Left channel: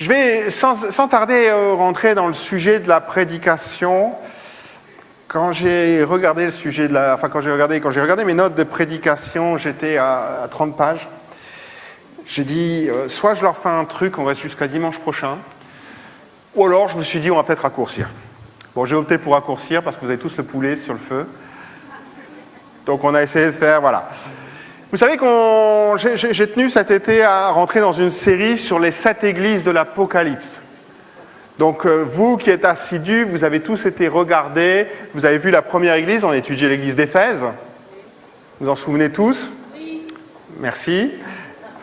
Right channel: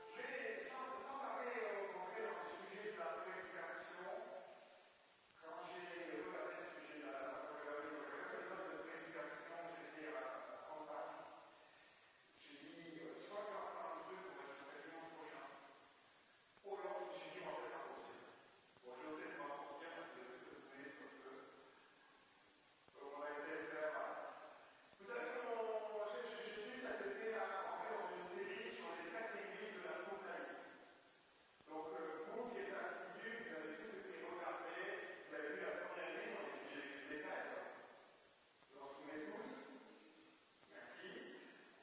Je vais sans tarder rentrer dans le sujet de la prédication. Quand j'ai regardé quand j'ai regardé mes notes de prédication, j'étais à 30 pages. J'ai dit, soit je leur fais un truc, on reste jusqu'à dimanche prochain, ou alors je me suis dit, on va peut-être raccourcir. Bon, j'ai opté pour raccourcir parce que vous avez tous le poulet sur le feu. Donc on a essayé de faire, voilà. Vous savez que j'ai tenu cet été à rentrer dans une série sur les 7 églises de l'Apocalypse. Donc vous qui êtes assidus, vous avez tous été regardés, vous avez vu la première église, on a étudié l'église d'Éphèse. Vous en souvenez tous? Oui. Merci.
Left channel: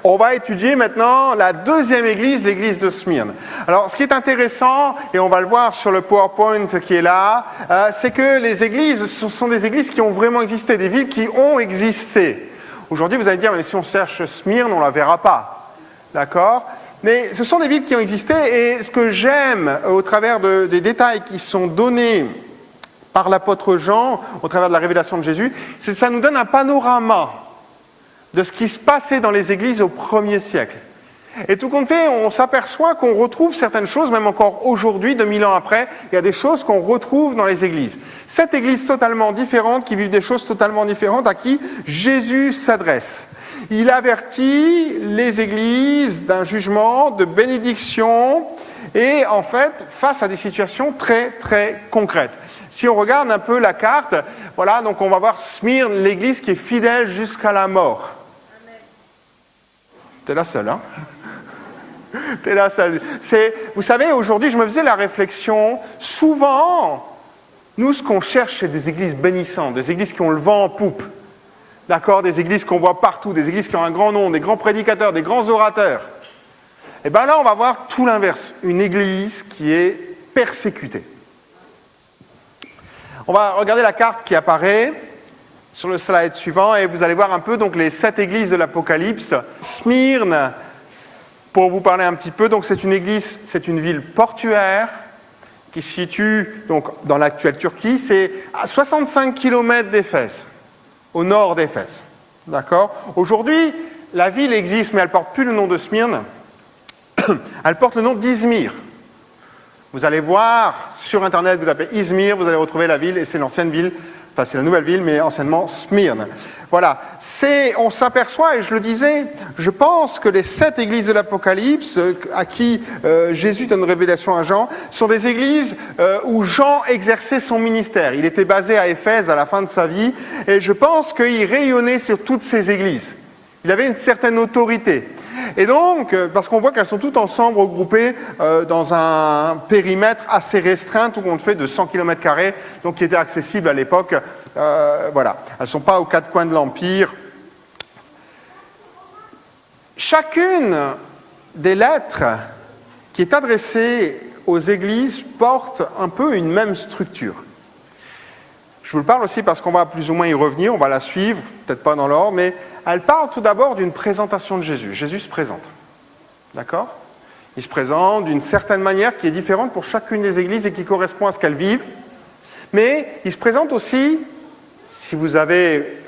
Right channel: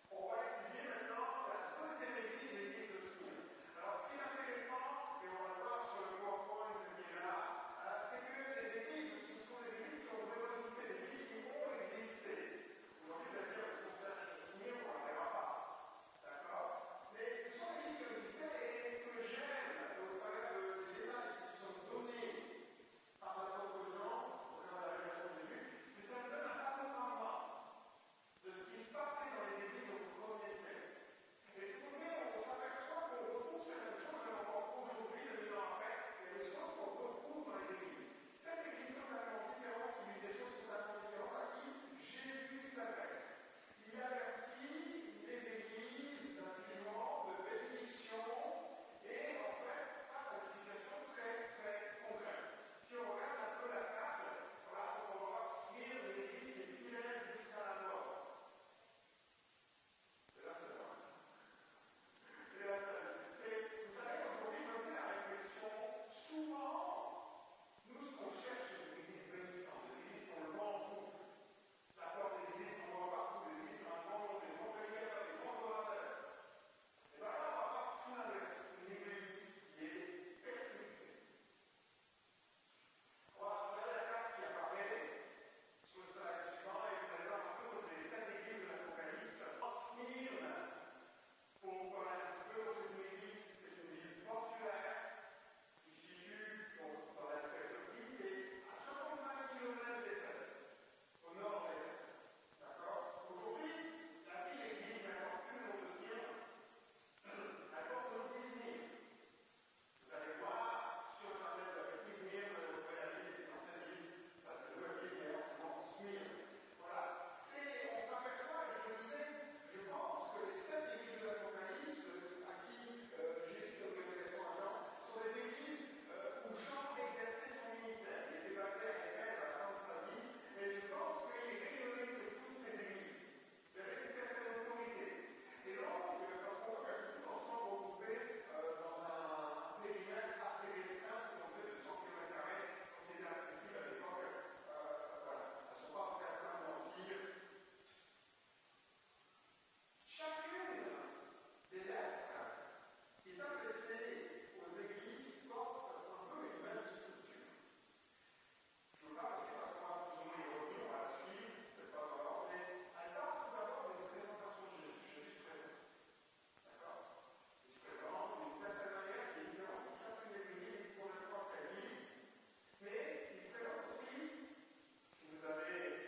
On va étudier maintenant la deuxième église, l'église de Smyrne. Alors, ce qui est intéressant, et on va le voir sur le PowerPoint qui est là, c'est que les églises, ce sont des églises qui ont vraiment existé, des villes qui ont existé. Aujourd'hui, vous allez dire, mais si on cherche Smyrne, on ne la verra pas. D'accord? Mais ce sont des villes qui ont existé, et ce que j'aime au travers des détails qui sont donnés par l'apôtre Jean, au travers de la révélation de Jésus, c'est que ça nous donne un panorama de ce qui se passait dans les églises au 1er siècle. Et tout compte fait, on s'aperçoit qu'on retrouve certaines choses, même encore aujourd'hui, 2000 ans après, il y a des choses qu'on retrouve dans les églises. 7 églises totalement différentes, qui vivent des choses totalement différentes, à qui Jésus s'adresse. Il avertit les églises d'un jugement, de bénédiction, et en fait, face à des situations très, très concrètes. Si on regarde un peu la carte, voilà, donc on va voir Smyrne, l'église qui est fidèle jusqu'à la mort. T'es la seule, hein? T'es la seule. Vous savez, aujourd'hui, je me faisais la réflexion, souvent, nous, ce qu'on cherche, c'est des églises bénissantes, des églises qui ont le vent en poupe, d'accord? Des églises qu'on voit partout, des églises qui ont un grand nom, des grands prédicateurs, des grands orateurs. Et bien là, on va voir tout l'inverse, une église qui est persécutée. On va regarder la carte qui apparaît sur le slide suivant et vous allez voir un peu donc, les 7 églises de l'Apocalypse. Smyrne, pour vous parler un petit peu, donc c'est une église, c'est une ville portuaire qui se situe donc, dans l'actuelle Turquie. C'est à 65 km d'Éphèse, au nord d'Éphèse. D'accord? Aujourd'hui, la ville existe, mais elle ne porte plus le nom de Smyrne. Elle porte le nom d'Izmir. Vous allez voir sur Internet, vous tapez Izmir, vous allez retrouver la ville, et c'est l'ancienne ville, enfin c'est la nouvelle ville, mais anciennement Smyrne. Voilà, on s'aperçoit, et je le disais, je pense que les 7 églises de l'Apocalypse, à qui Jésus donne révélation à Jean, sont des églises où Jean exerçait son ministère. Il était basé à Éphèse à la fin de sa vie, et je pense qu'il rayonnait sur toutes ces églises. Il avait une certaine autorité. Et donc, parce qu'on voit qu'elles sont toutes ensemble regroupées dans un périmètre assez restreint, tout compte fait de 100 km², donc qui était accessible à l'époque. Voilà, elles ne sont pas aux 4 coins de l'Empire. Chacune des lettres qui est adressée aux églises porte un peu une même structure. Je vous le parle aussi parce qu'on va plus ou moins y revenir, on va la suivre, peut-être pas dans l'ordre, mais elle parle tout d'abord d'une présentation de Jésus. Jésus se présente, d'accord? Il se présente d'une certaine manière qui est différente pour chacune des églises et qui correspond à ce qu'elles vivent. Mais il se présente aussi, si vous avez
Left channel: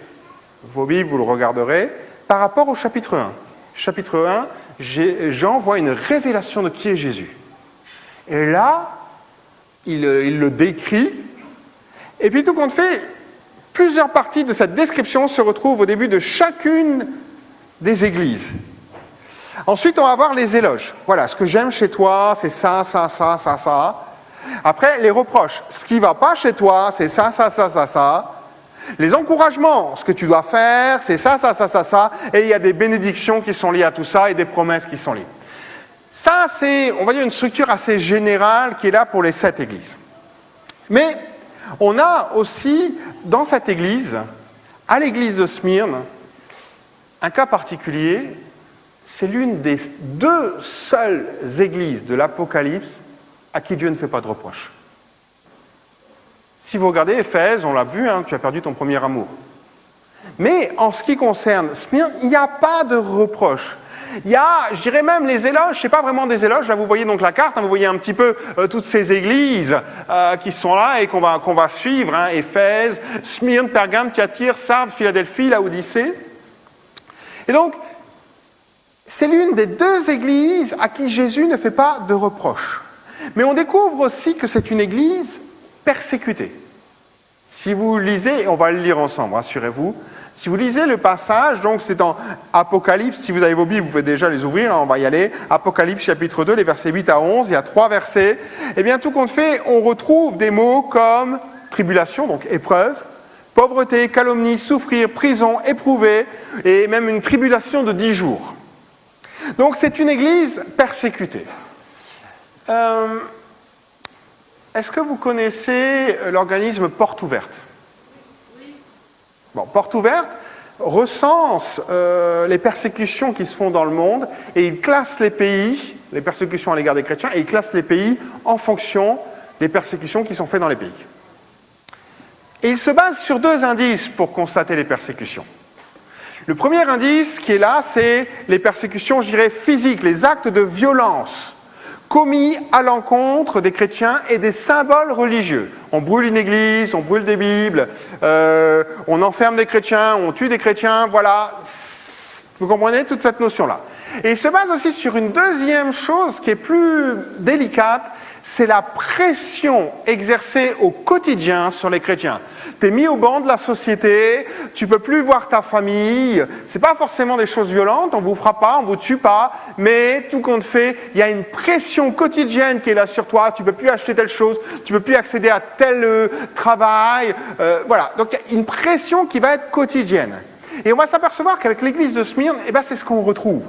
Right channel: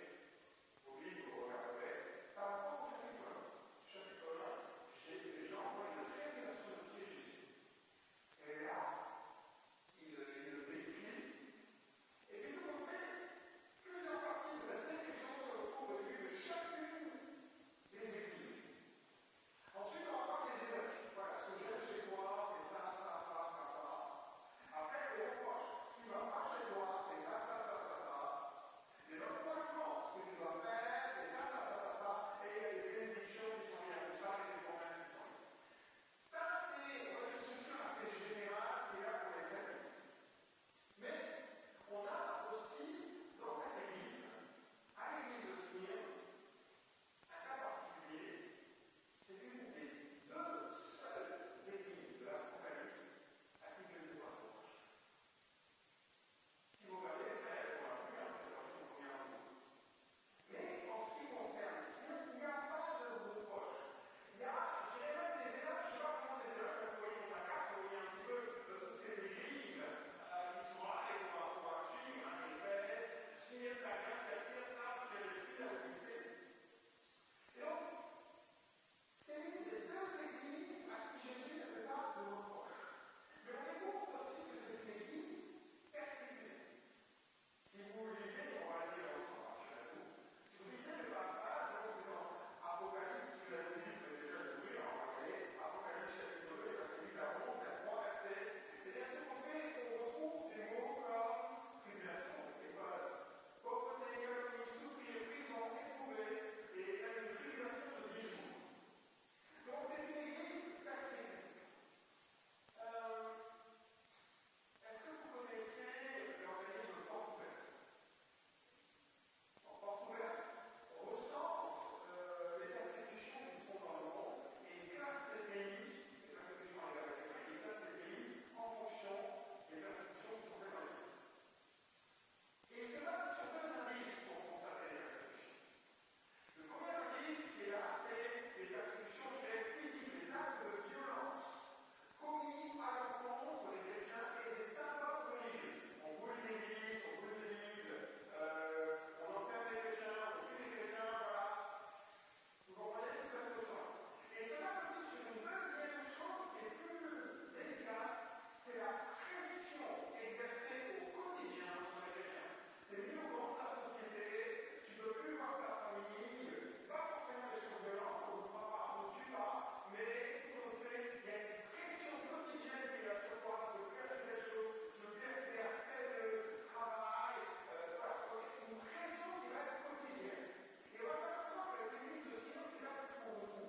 vos Bibles, vous le regarderez, par rapport au chapitre 1. Chapitre 1, Jean voit une révélation de qui est Jésus. Et là, il le décrit. Et puis tout compte fait, plusieurs parties de cette description se retrouvent au début de chacune des églises. Ensuite, on va voir les éloges. Voilà, ce que j'aime chez toi, c'est ça, ça, ça, ça, ça. Après, les reproches. Ce qui ne va pas chez toi, c'est ça, ça, ça, ça, ça. Les encouragements. Ce que tu dois faire, c'est ça, ça, ça, ça, ça. Et il y a des bénédictions qui sont liées à tout ça et des promesses qui sont liées. Ça, c'est, on va dire, une structure assez générale qui est là pour les 7 églises. Mais on a aussi, dans cette église, à l'église de Smyrne, un cas particulier. C'est l'une des 2 seules églises de l'Apocalypse à qui Dieu ne fait pas de reproches. Si vous regardez Éphèse, on l'a vu, hein, tu as perdu ton premier amour. Mais en ce qui concerne Smyrne, il n'y a pas de reproches. Il y a, je dirais même, les éloges, ce n'est pas vraiment des éloges. Là, vous voyez donc la carte, hein, vous voyez un petit peu toutes ces églises qui sont là et qu'on va suivre. Hein, Éphèse, Smyrne, Pergame, Thyatire, Sardes, Philadelphie, Laodicée. Et donc, c'est l'une des deux églises à qui Jésus ne fait pas de reproches. Mais on découvre aussi que c'est une église persécutée. Si vous lisez, on va le lire ensemble, rassurez-vous, si vous lisez le passage, donc c'est dans Apocalypse, si vous avez vos Bibles, vous pouvez déjà les ouvrir, on va y aller, Apocalypse chapitre 2, les versets 8 à 11, il y a 3 versets, et bien tout compte fait, on retrouve des mots comme tribulation, donc épreuve, pauvreté, calomnie, souffrir, prison, éprouver, et même une tribulation de 10 jours. Donc c'est une église persécutée. Est-ce que vous connaissez l'organisme Porte Ouverte ? Oui. Bon, Porte Ouverte recense les persécutions qui se font dans le monde et il classe les pays, les persécutions à l'égard des chrétiens, et il classe les pays en fonction des persécutions qui sont faites dans les pays. Et il se base sur 2 indices pour constater les persécutions. Le premier indice qui est là, c'est les persécutions, je dirais, physiques, les actes de violence commis à l'encontre des chrétiens et des symboles religieux. On brûle une église, on brûle des Bibles, on enferme des chrétiens, on tue des chrétiens, voilà. Vous comprenez toute cette notion-là. Et il se base aussi sur une deuxième chose qui est plus délicate, c'est la pression exercée au quotidien sur les chrétiens. Tu es mis au banc de la société, tu ne peux plus voir ta famille, ce n'est pas forcément des choses violentes, on ne vous frappe pas, on ne vous tue pas, mais tout compte fait, il y a une pression quotidienne qui est là sur toi, tu ne peux plus acheter telle chose, tu ne peux plus accéder à tel travail, voilà. Donc il y a une pression qui va être quotidienne. Et on va s'apercevoir qu'avec l'église de Smyrne, eh ben, c'est ce qu'on retrouve.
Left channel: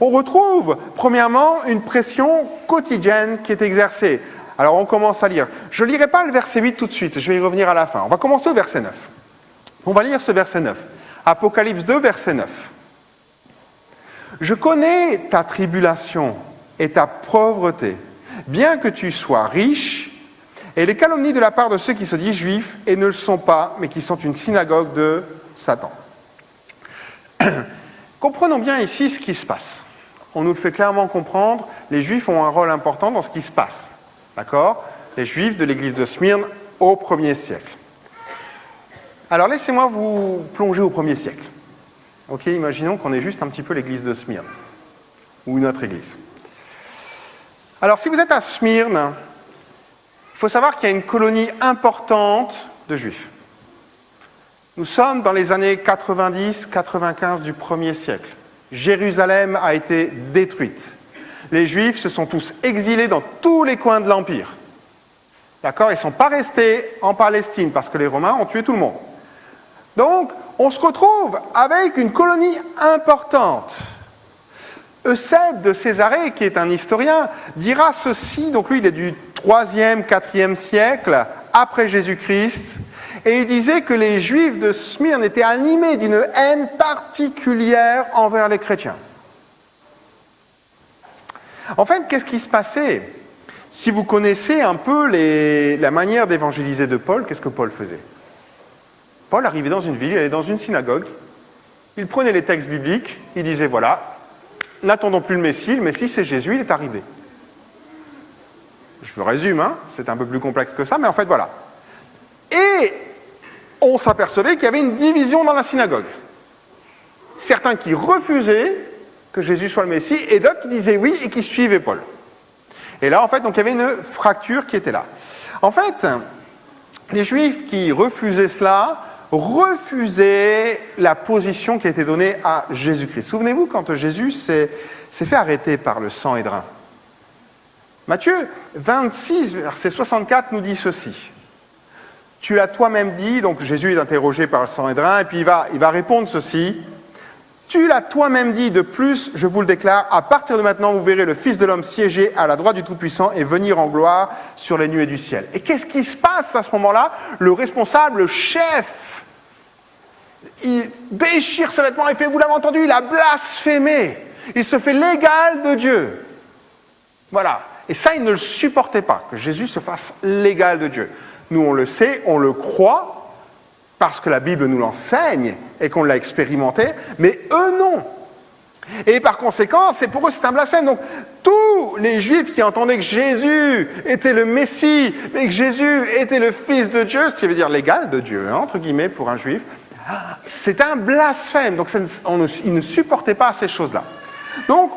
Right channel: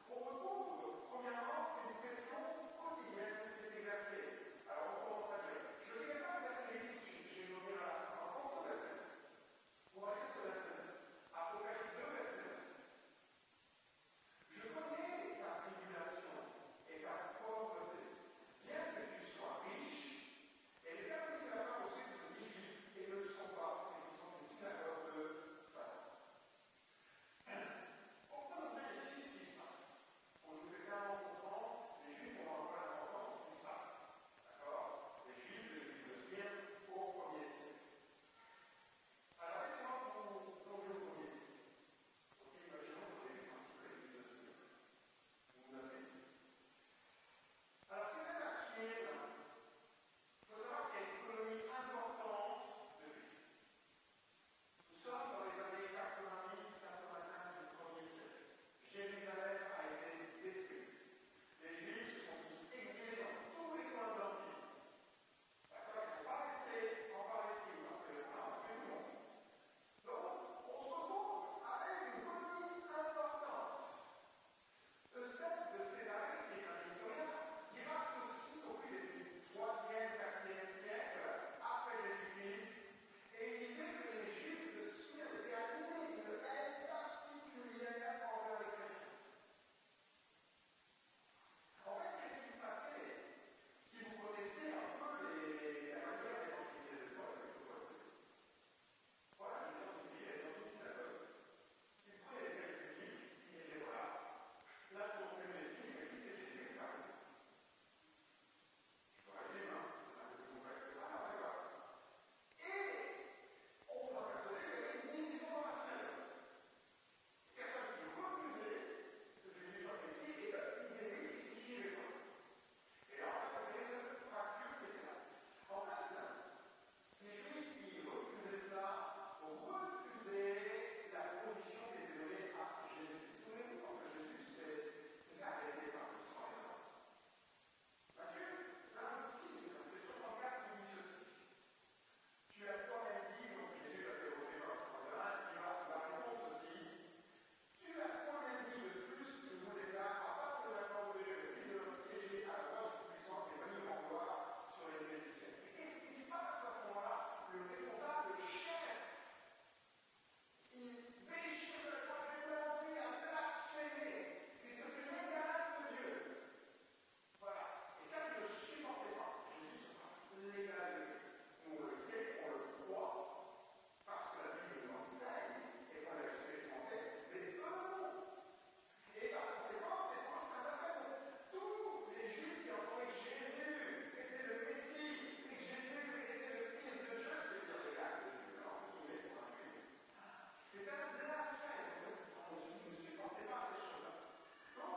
On retrouve, premièrement, une pression quotidienne qui est exercée. Alors, on commence à lire. Je ne lirai pas le verset 8 tout de suite, je vais y revenir à la fin. On va commencer au verset 9. On va lire ce verset 9. Apocalypse 2, verset 9. « Je connais ta tribulation et ta pauvreté, bien que tu sois riche, et les calomnies de la part de ceux qui se disent juifs et ne le sont pas, mais qui sont une synagogue de Satan. » Comprenons bien ici ce qui se passe. On nous le fait clairement comprendre, les Juifs ont un rôle important dans ce qui se passe. D'accord ? Les Juifs de l'église de Smyrne au 1er siècle. Alors laissez-moi vous plonger au 1er siècle. Ok, imaginons qu'on est juste un petit peu l'église de Smyrne, ou une autre église. Alors si vous êtes à Smyrne, il faut savoir qu'il y a une colonie importante de Juifs. Nous sommes dans les années 90-95 du 1er siècle. Jérusalem a été détruite. Les Juifs se sont tous exilés dans tous les coins de l'Empire. D'accord ? Ils ne sont pas restés en Palestine parce que les Romains ont tué tout le monde. Donc, on se retrouve avec une colonie importante. Eusèbe de Césarée, qui est un historien, dira ceci, donc lui il est du 3e, 4e siècle après Jésus-Christ, et il disait que les Juifs de Smyrne étaient animés d'une haine particulière envers les chrétiens. En fait, qu'est-ce qui se passait ? Si vous connaissez un peu la manière d'évangéliser de Paul, qu'est-ce que Paul faisait ? Paul arrivait dans une ville, il allait dans une synagogue, il prenait les textes bibliques, il disait voilà, n'attendons plus le Messie c'est Jésus, il est arrivé. Je vous résume, hein, c'est un peu plus complexe que ça, mais en fait voilà. Et on s'apercevait qu'il y avait une division dans la synagogue. Certains qui refusaient que Jésus soit le Messie, et d'autres qui disaient oui et qui suivaient Paul. Et là, en fait, donc, il y avait une fracture qui était là. En fait, les Juifs qui refusaient cela, refusaient la position qui a été donnée à Jésus-Christ. Souvenez-vous, quand Jésus s'est fait arrêter par le Sanhédrin. Matthieu 26, verset 64, nous dit ceci. Tu l'as toi-même dit, donc Jésus est interrogé par le Sanhédrin, et puis il va répondre ceci. Tu l'as toi-même dit, de plus, je vous le déclare, à partir de maintenant, vous verrez le Fils de l'homme siéger à la droite du Tout-Puissant et venir en gloire sur les nuées du ciel. Et qu'est-ce qui se passe à ce moment-là ? Le responsable, le chef, il déchire ses vêtements et fait, vous l'avez entendu, il a blasphémé. Il se fait l'égal de Dieu. Voilà. Et ça, il ne le supportait pas, que Jésus se fasse l'égal de Dieu. Nous, on le sait, on le croit, parce que la Bible nous l'enseigne et qu'on l'a expérimenté, mais eux non. Et par conséquent, pour eux c'est un blasphème. Donc tous les Juifs qui entendaient que Jésus était le Messie et que Jésus était le Fils de Dieu, ce qui veut dire l'égal de Dieu, hein, entre guillemets, pour un Juif, c'est un blasphème. Donc ils ne supportaient pas ces choses-là. Donc,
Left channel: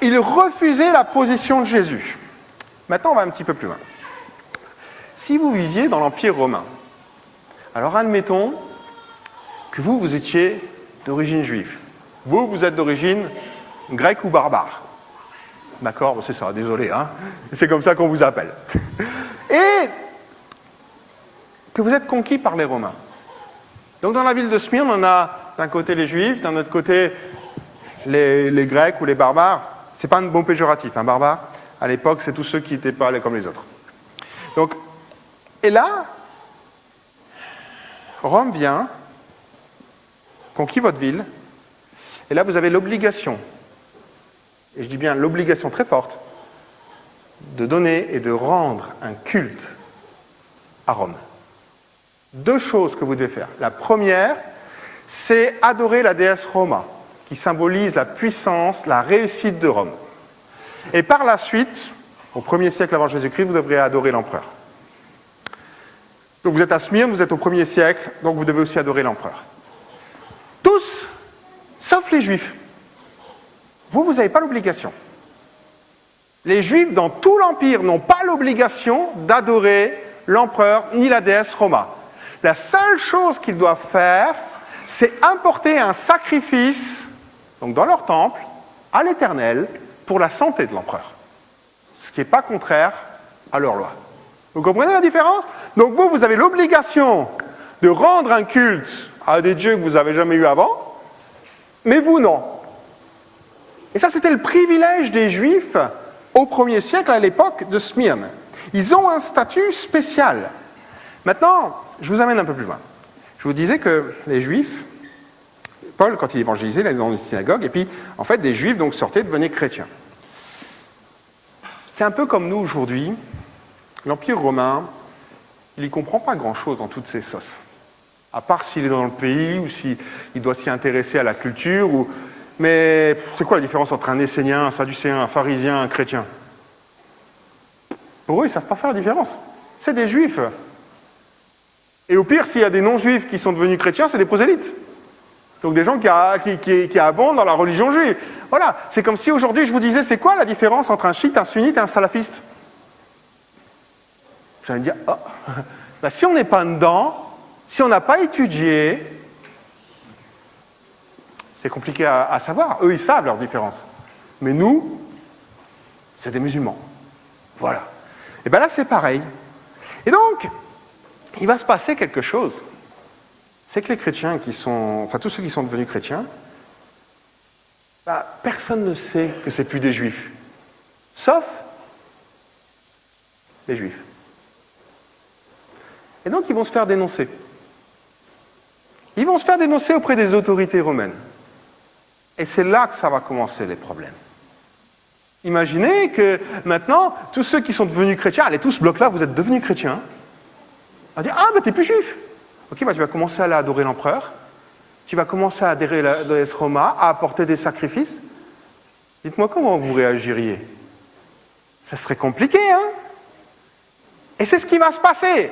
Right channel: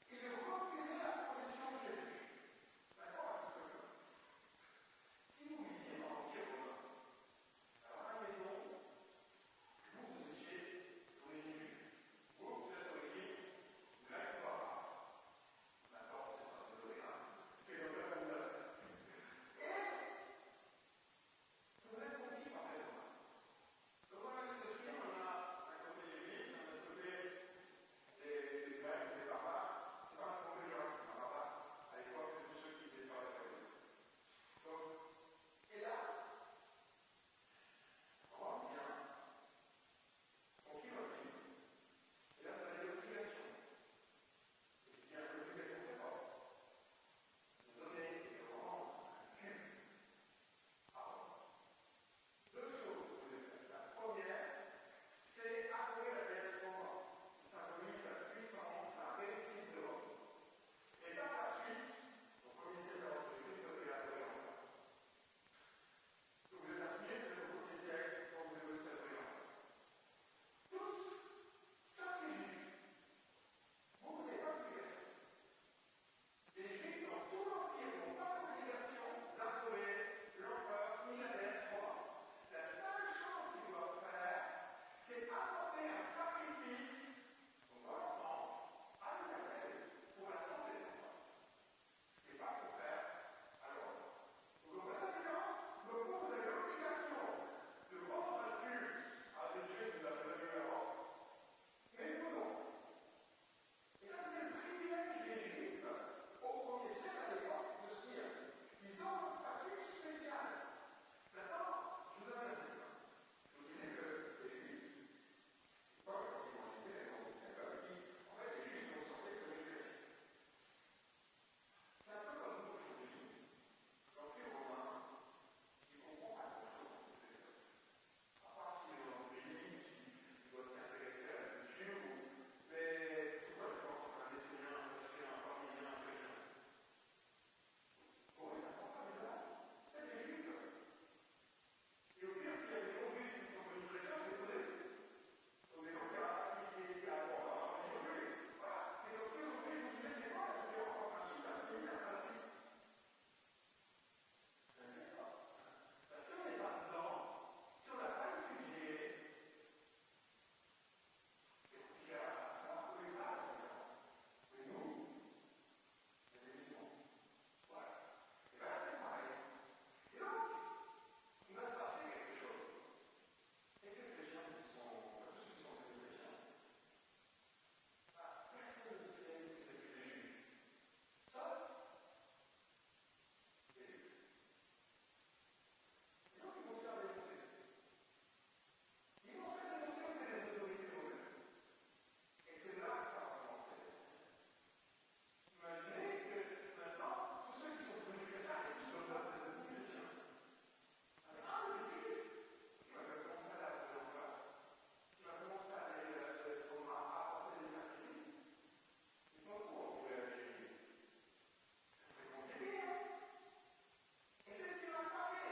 ils refusaient la position de Jésus. Maintenant, on va un petit peu plus loin. Si vous viviez dans l'Empire romain, alors admettons que vous étiez d'origine juive. Vous êtes d'origine grecque ou barbare. D'accord, bon, c'est ça, désolé, hein. C'est comme ça qu'on vous appelle. Et que vous êtes conquis par les Romains. Donc dans la ville de Smyrne, on a d'un côté les Juifs, d'un autre côté les Grecs ou les barbares. C'est pas un bon péjoratif, un barbare. À l'époque, c'est tous ceux qui n'étaient pas comme les autres. Donc, et là, Rome vient, conquis votre ville, et là vous avez l'obligation, et je dis bien l'obligation très forte, de donner et de rendre un culte à Rome. Deux choses que vous devez faire. La première, c'est adorer la déesse Roma, qui symbolise la puissance, la réussite de Rome. Et par la suite, au 1er siècle avant Jésus-Christ, vous devrez adorer l'empereur. Donc vous êtes à Smyrne, vous êtes au 1er siècle, donc vous devez aussi adorer l'empereur. Tous, sauf les Juifs. Vous n'avez pas l'obligation. Les Juifs, dans tout l'Empire, n'ont pas l'obligation d'adorer l'empereur ni la déesse Roma. La seule chose qu'ils doivent faire, c'est apporter un sacrifice, donc dans leur temple, à l'Éternel, pour la santé de l'empereur. Ce qui n'est pas contraire à leur loi. Vous comprenez la différence? Donc vous avez l'obligation de rendre un culte à des dieux que vous n'avez jamais eu avant, mais vous non. Et ça, c'était le privilège des Juifs au 1er siècle, à l'époque de Smyrne. Ils ont un statut spécial. Maintenant, je vous amène un peu plus loin. Je vous disais que les Juifs, Paul, quand il évangélisait, il allait dans une synagogue, et puis, en fait, des Juifs donc sortaient, devenaient chrétiens. C'est un peu comme nous aujourd'hui. L'Empire romain, il n'y comprend pas grand-chose dans toutes ces sauces. À part s'il est dans le pays, ou s'il doit s'y intéresser à la culture, ou... Mais c'est quoi la différence entre un Essénien, un Sadducéen, un Pharisien, un chrétien? Pour eux, ils ne savent pas faire la différence. C'est des Juifs. Et au pire, s'il y a des non-Juifs qui sont devenus chrétiens, c'est des prosélytes. Donc des gens qui abondent dans la religion juive. Voilà, c'est comme si aujourd'hui je vous disais, c'est quoi la différence entre un chiite, un sunnite et un salafiste? Vous allez me dire, oh, ben, si on n'est pas dedans, si on n'a pas étudié, c'est compliqué à savoir. Eux, ils savent leur différence. Mais nous, c'est des musulmans. Voilà. Et bien là, c'est pareil. Et donc, il va se passer quelque chose. C'est que les chrétiens tous ceux qui sont devenus chrétiens, ben, personne ne sait que c'est plus des juifs. Sauf les juifs. Et donc, ils vont se faire dénoncer. Ils vont se faire dénoncer auprès des autorités romaines. Et c'est là que ça va commencer les problèmes. Imaginez que maintenant, tous ceux qui sont devenus chrétiens, allez, tout ce bloc-là, vous êtes devenus chrétiens, on va dire, ah, ben t'es plus juif. Ok, ben tu vas commencer à aller adorer l'empereur, tu vas commencer à adorer la déesse Roma, à apporter des sacrifices. Dites-moi comment vous réagiriez. Ça serait compliqué, hein? Et c'est ce qui va se passer.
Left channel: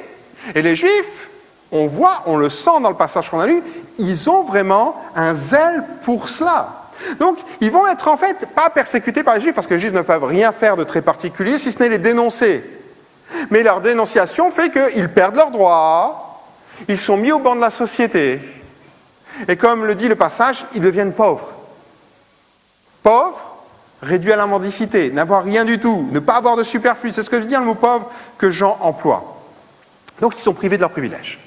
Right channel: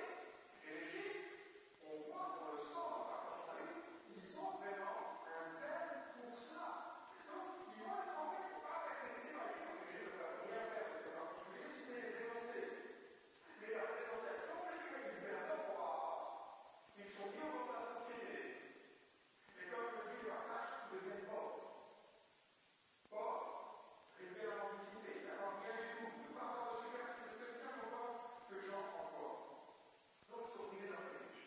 Et les Juifs, on le sent dans le passage qu'on a lu, ils ont vraiment un zèle pour cela. Donc, ils vont être en fait pas persécutés par les Juifs, parce que les Juifs ne peuvent rien faire de très particulier, si ce n'est les dénoncer. Mais leur dénonciation fait qu'ils perdent leurs droits, ils sont mis au banc de la société. Et comme le dit le passage, ils deviennent pauvres. Pauvres, réduits à la mendicité, n'avoir rien du tout, ne pas avoir de superflu. C'est ce que veut dire le mot pauvre que Jean emploie. Donc, ils sont privés de leurs privilèges.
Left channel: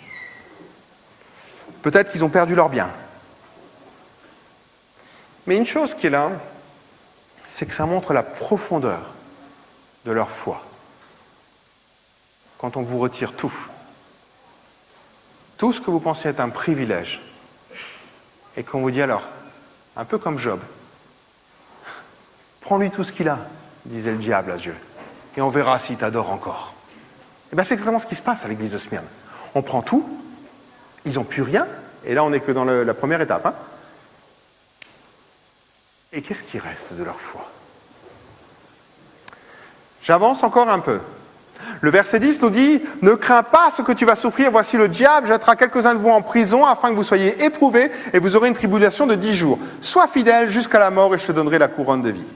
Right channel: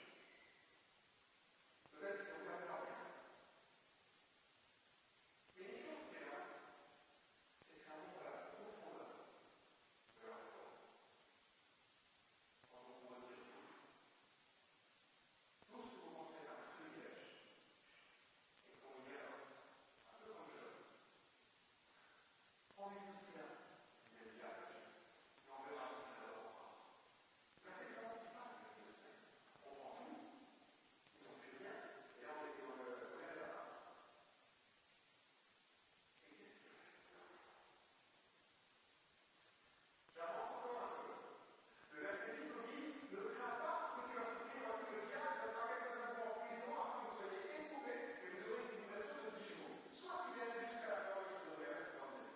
Peut-être qu'ils ont perdu leurs biens. Mais une chose qui est là, c'est que ça montre la profondeur de leur foi. Quand on vous retire tout ce que vous pensez être un privilège, et qu'on vous dit alors, un peu comme Job, prends-lui tout ce qu'il a, disait le diable à Dieu, et on verra s'il t'adore encore. Et bien c'est exactement ce qui se passe à l'église de Smyrne. On prend tout, ils n'ont plus rien, et là on n'est que dans la première étape. Hein. Et qu'est-ce qui reste de leur foi? J'avance encore un peu. Le verset 10 nous dit « Ne crains pas ce que tu vas souffrir, voici le diable jettera quelques-uns de vous en prison afin que vous soyez éprouvés et vous aurez une tribulation de 10 jours. Sois fidèle jusqu'à la mort et je te donnerai la couronne de vie. »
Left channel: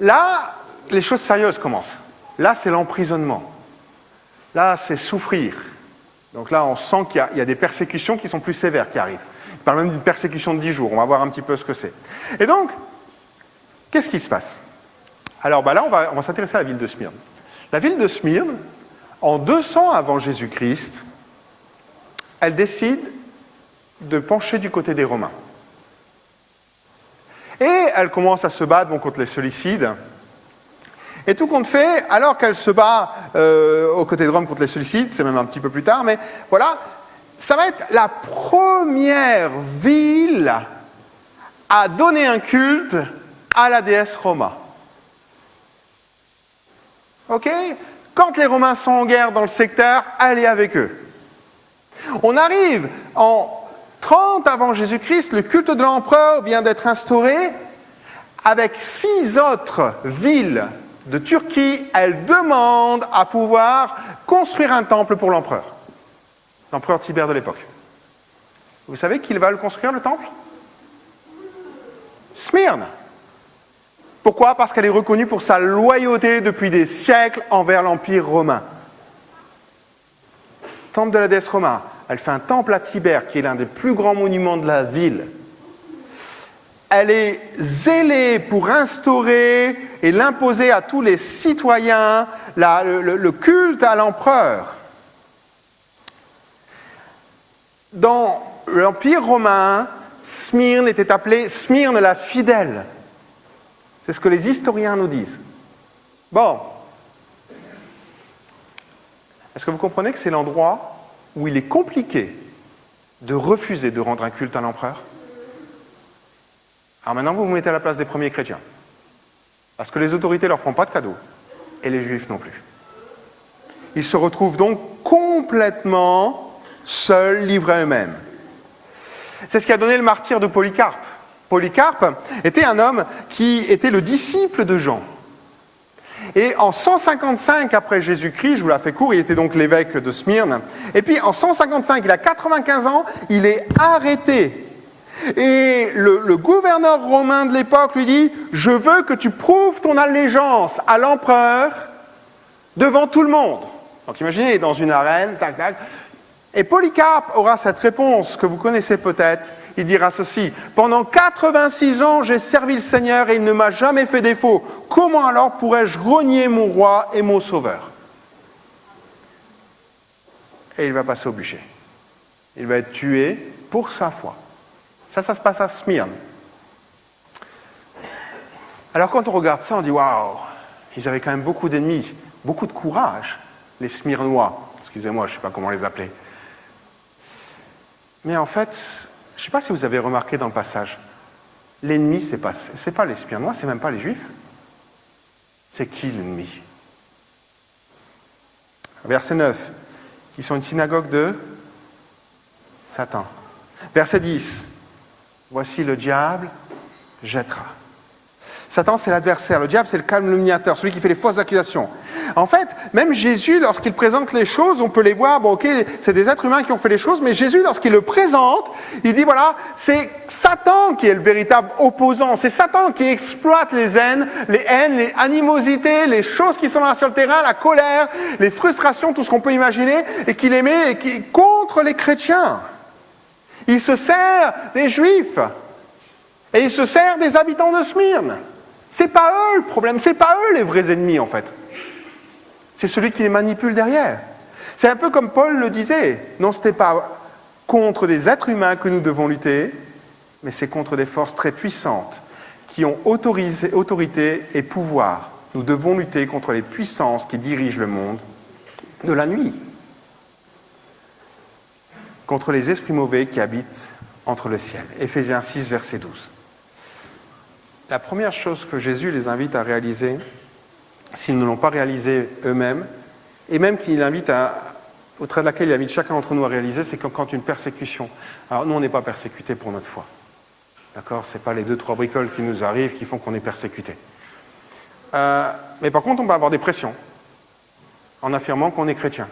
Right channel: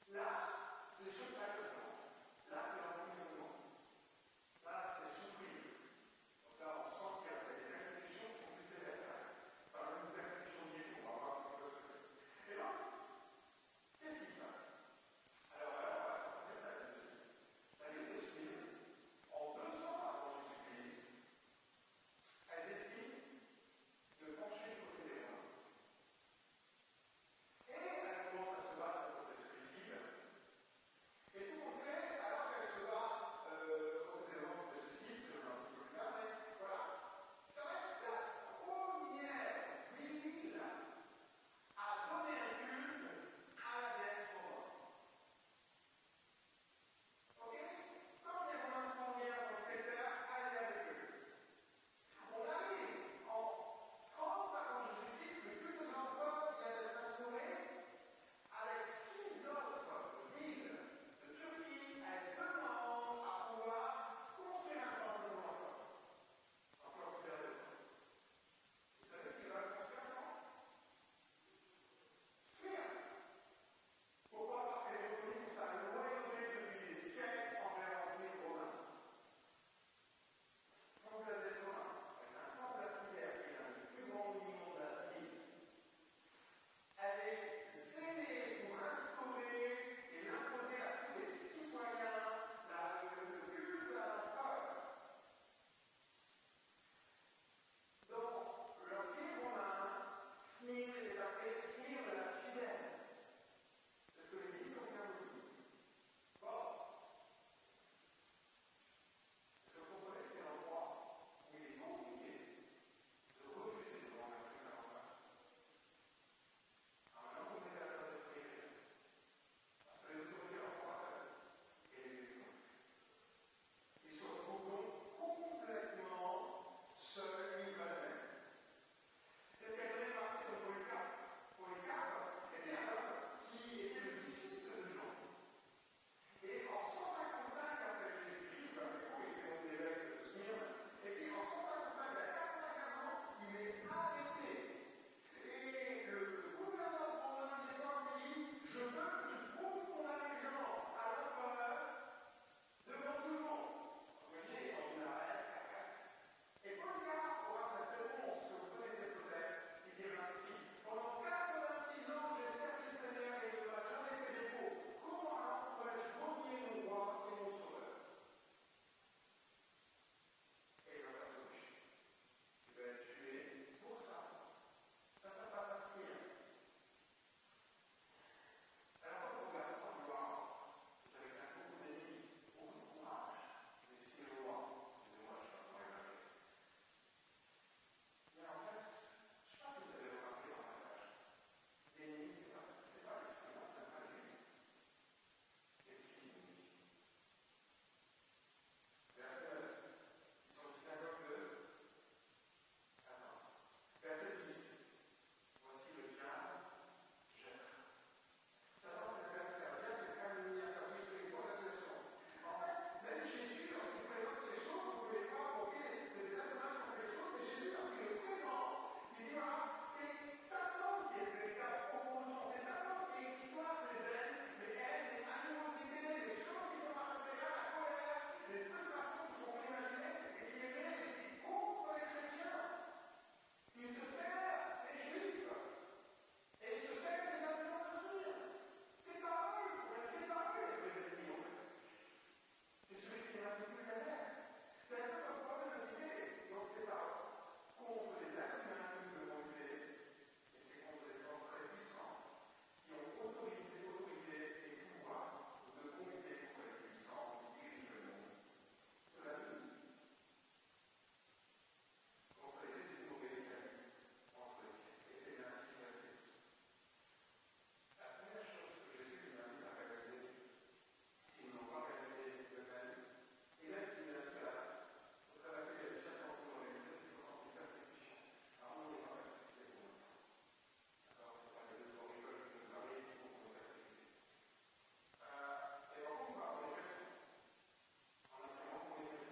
Là, les choses sérieuses commencent. Là, c'est l'emprisonnement. Là, c'est souffrir. Donc là, on sent qu'il y a des persécutions qui sont plus sévères qui arrivent. Il parle même d'une persécution de 10 jours. On va voir un petit peu ce que c'est. Et donc, qu'est-ce qui se passe? Alors là, on va s'intéresser à la ville de Smyrne. La ville de Smyrne, en 200 avant Jésus-Christ, elle décide de pencher du côté des Romains. Et elle commence à se battre contre les Séleucides. Et tout compte fait, alors qu'elle se bat aux côtés de Rome contre les Séleucides, c'est même un petit peu plus tard, mais voilà, ça va être la première ville à donner un culte à la déesse Roma. Ok? Quand les Romains sont en guerre dans le secteur, elle est avec eux. On arrive en 30 avant Jésus-Christ, le culte de l'empereur vient d'être instauré. Avec 6 autres villes de Turquie, elle demande à pouvoir construire un temple pour l'empereur Tibère de l'époque. Vous savez qui va le construire, le temple? Smyrne. Pourquoi? Parce qu'elle est reconnue pour sa loyauté depuis des siècles envers l'Empire romain. Temple de la déesse Roma. Elle fait un temple à Tibère, qui est l'un des plus grands monuments de la ville. Elle est zélée pour instaurer et l'imposer à tous les citoyens le culte à l'empereur. Dans l'Empire romain, Smyrne était appelée Smyrne la fidèle. C'est ce que les historiens nous disent. Bon. Est-ce que vous comprenez que c'est l'endroit où il est compliqué de refuser de rendre un culte à l'empereur? Alors maintenant, vous vous mettez à la place des premiers chrétiens. Parce que les autorités ne leur feront pas de cadeaux. Et les juifs non plus. Ils se retrouvent donc complètement seuls, livrés à eux-mêmes. C'est ce qui a donné le martyre de Polycarpe. Polycarpe était un homme qui était le disciple de Jean. Et en 155 après Jésus-Christ, je vous la fais court, il était donc l'évêque de Smyrne. Et puis en 155, il a 95 ans, il est arrêté. Et le gouverneur romain de l'époque lui dit « Je veux que tu prouves ton allégeance à l'empereur devant tout le monde. » Donc imaginez, il est dans une arène, tac, tac. Et Polycarpe aura cette réponse que vous connaissez peut-être. Il dira ceci, « Pendant 86 ans, j'ai servi le Seigneur et il ne m'a jamais fait défaut. Comment alors pourrais-je renier mon roi et mon sauveur ?» Et il va passer au bûcher. Il va être tué pour sa foi. Ça se passe à Smyrne. Alors quand on regarde ça, on dit « Waouh, ils avaient quand même beaucoup d'ennemis, beaucoup de courage, les Smyrnois. » Excusez-moi, je ne sais pas comment les appeler. Mais en fait, je ne sais pas si vous avez remarqué dans le passage, l'ennemi, ce n'est pas les Smyrnois, ce n'est même pas les Juifs. C'est qui l'ennemi? Verset 9, ils sont une synagogue de Satan. Verset 10, voici le diable jettera. Satan, c'est l'adversaire. Le diable, c'est le calomniateur, celui qui fait les fausses accusations. En fait, même Jésus, lorsqu'il présente les choses, on peut les voir, bon, ok, c'est des êtres humains qui ont fait les choses, mais Jésus, lorsqu'il le présente, il dit, voilà, c'est Satan qui est le véritable opposant. C'est Satan qui exploite les haines, les animosités, les choses qui sont là sur le terrain, la colère, les frustrations, tout ce qu'on peut imaginer, et qui les met contre les chrétiens. Il se sert des Juifs. Et il se sert des habitants de Smyrne. C'est pas eux le problème, c'est pas eux les vrais ennemis en fait. C'est celui qui les manipule derrière. C'est un peu comme Paul le disait. Non, ce n'est pas contre des êtres humains que nous devons lutter, mais c'est contre des forces très puissantes qui ont autorité et pouvoir. Nous devons lutter contre les puissances qui dirigent le monde de la nuit. Contre les esprits mauvais qui habitent entre le ciel. Éphésiens 6, verset 12. La première chose que Jésus les invite à réaliser, s'ils ne l'ont pas réalisé eux-mêmes, et même qu'il invite au travers de laquelle il invite chacun d'entre nous à réaliser, c'est que quand une persécution, alors nous on n'est pas persécutés pour notre foi, d'accord? Ce n'est pas les 2-3 bricoles qui nous arrivent qui font qu'on est persécuté. Mais par contre on va avoir des pressions, en affirmant qu'on est chrétien.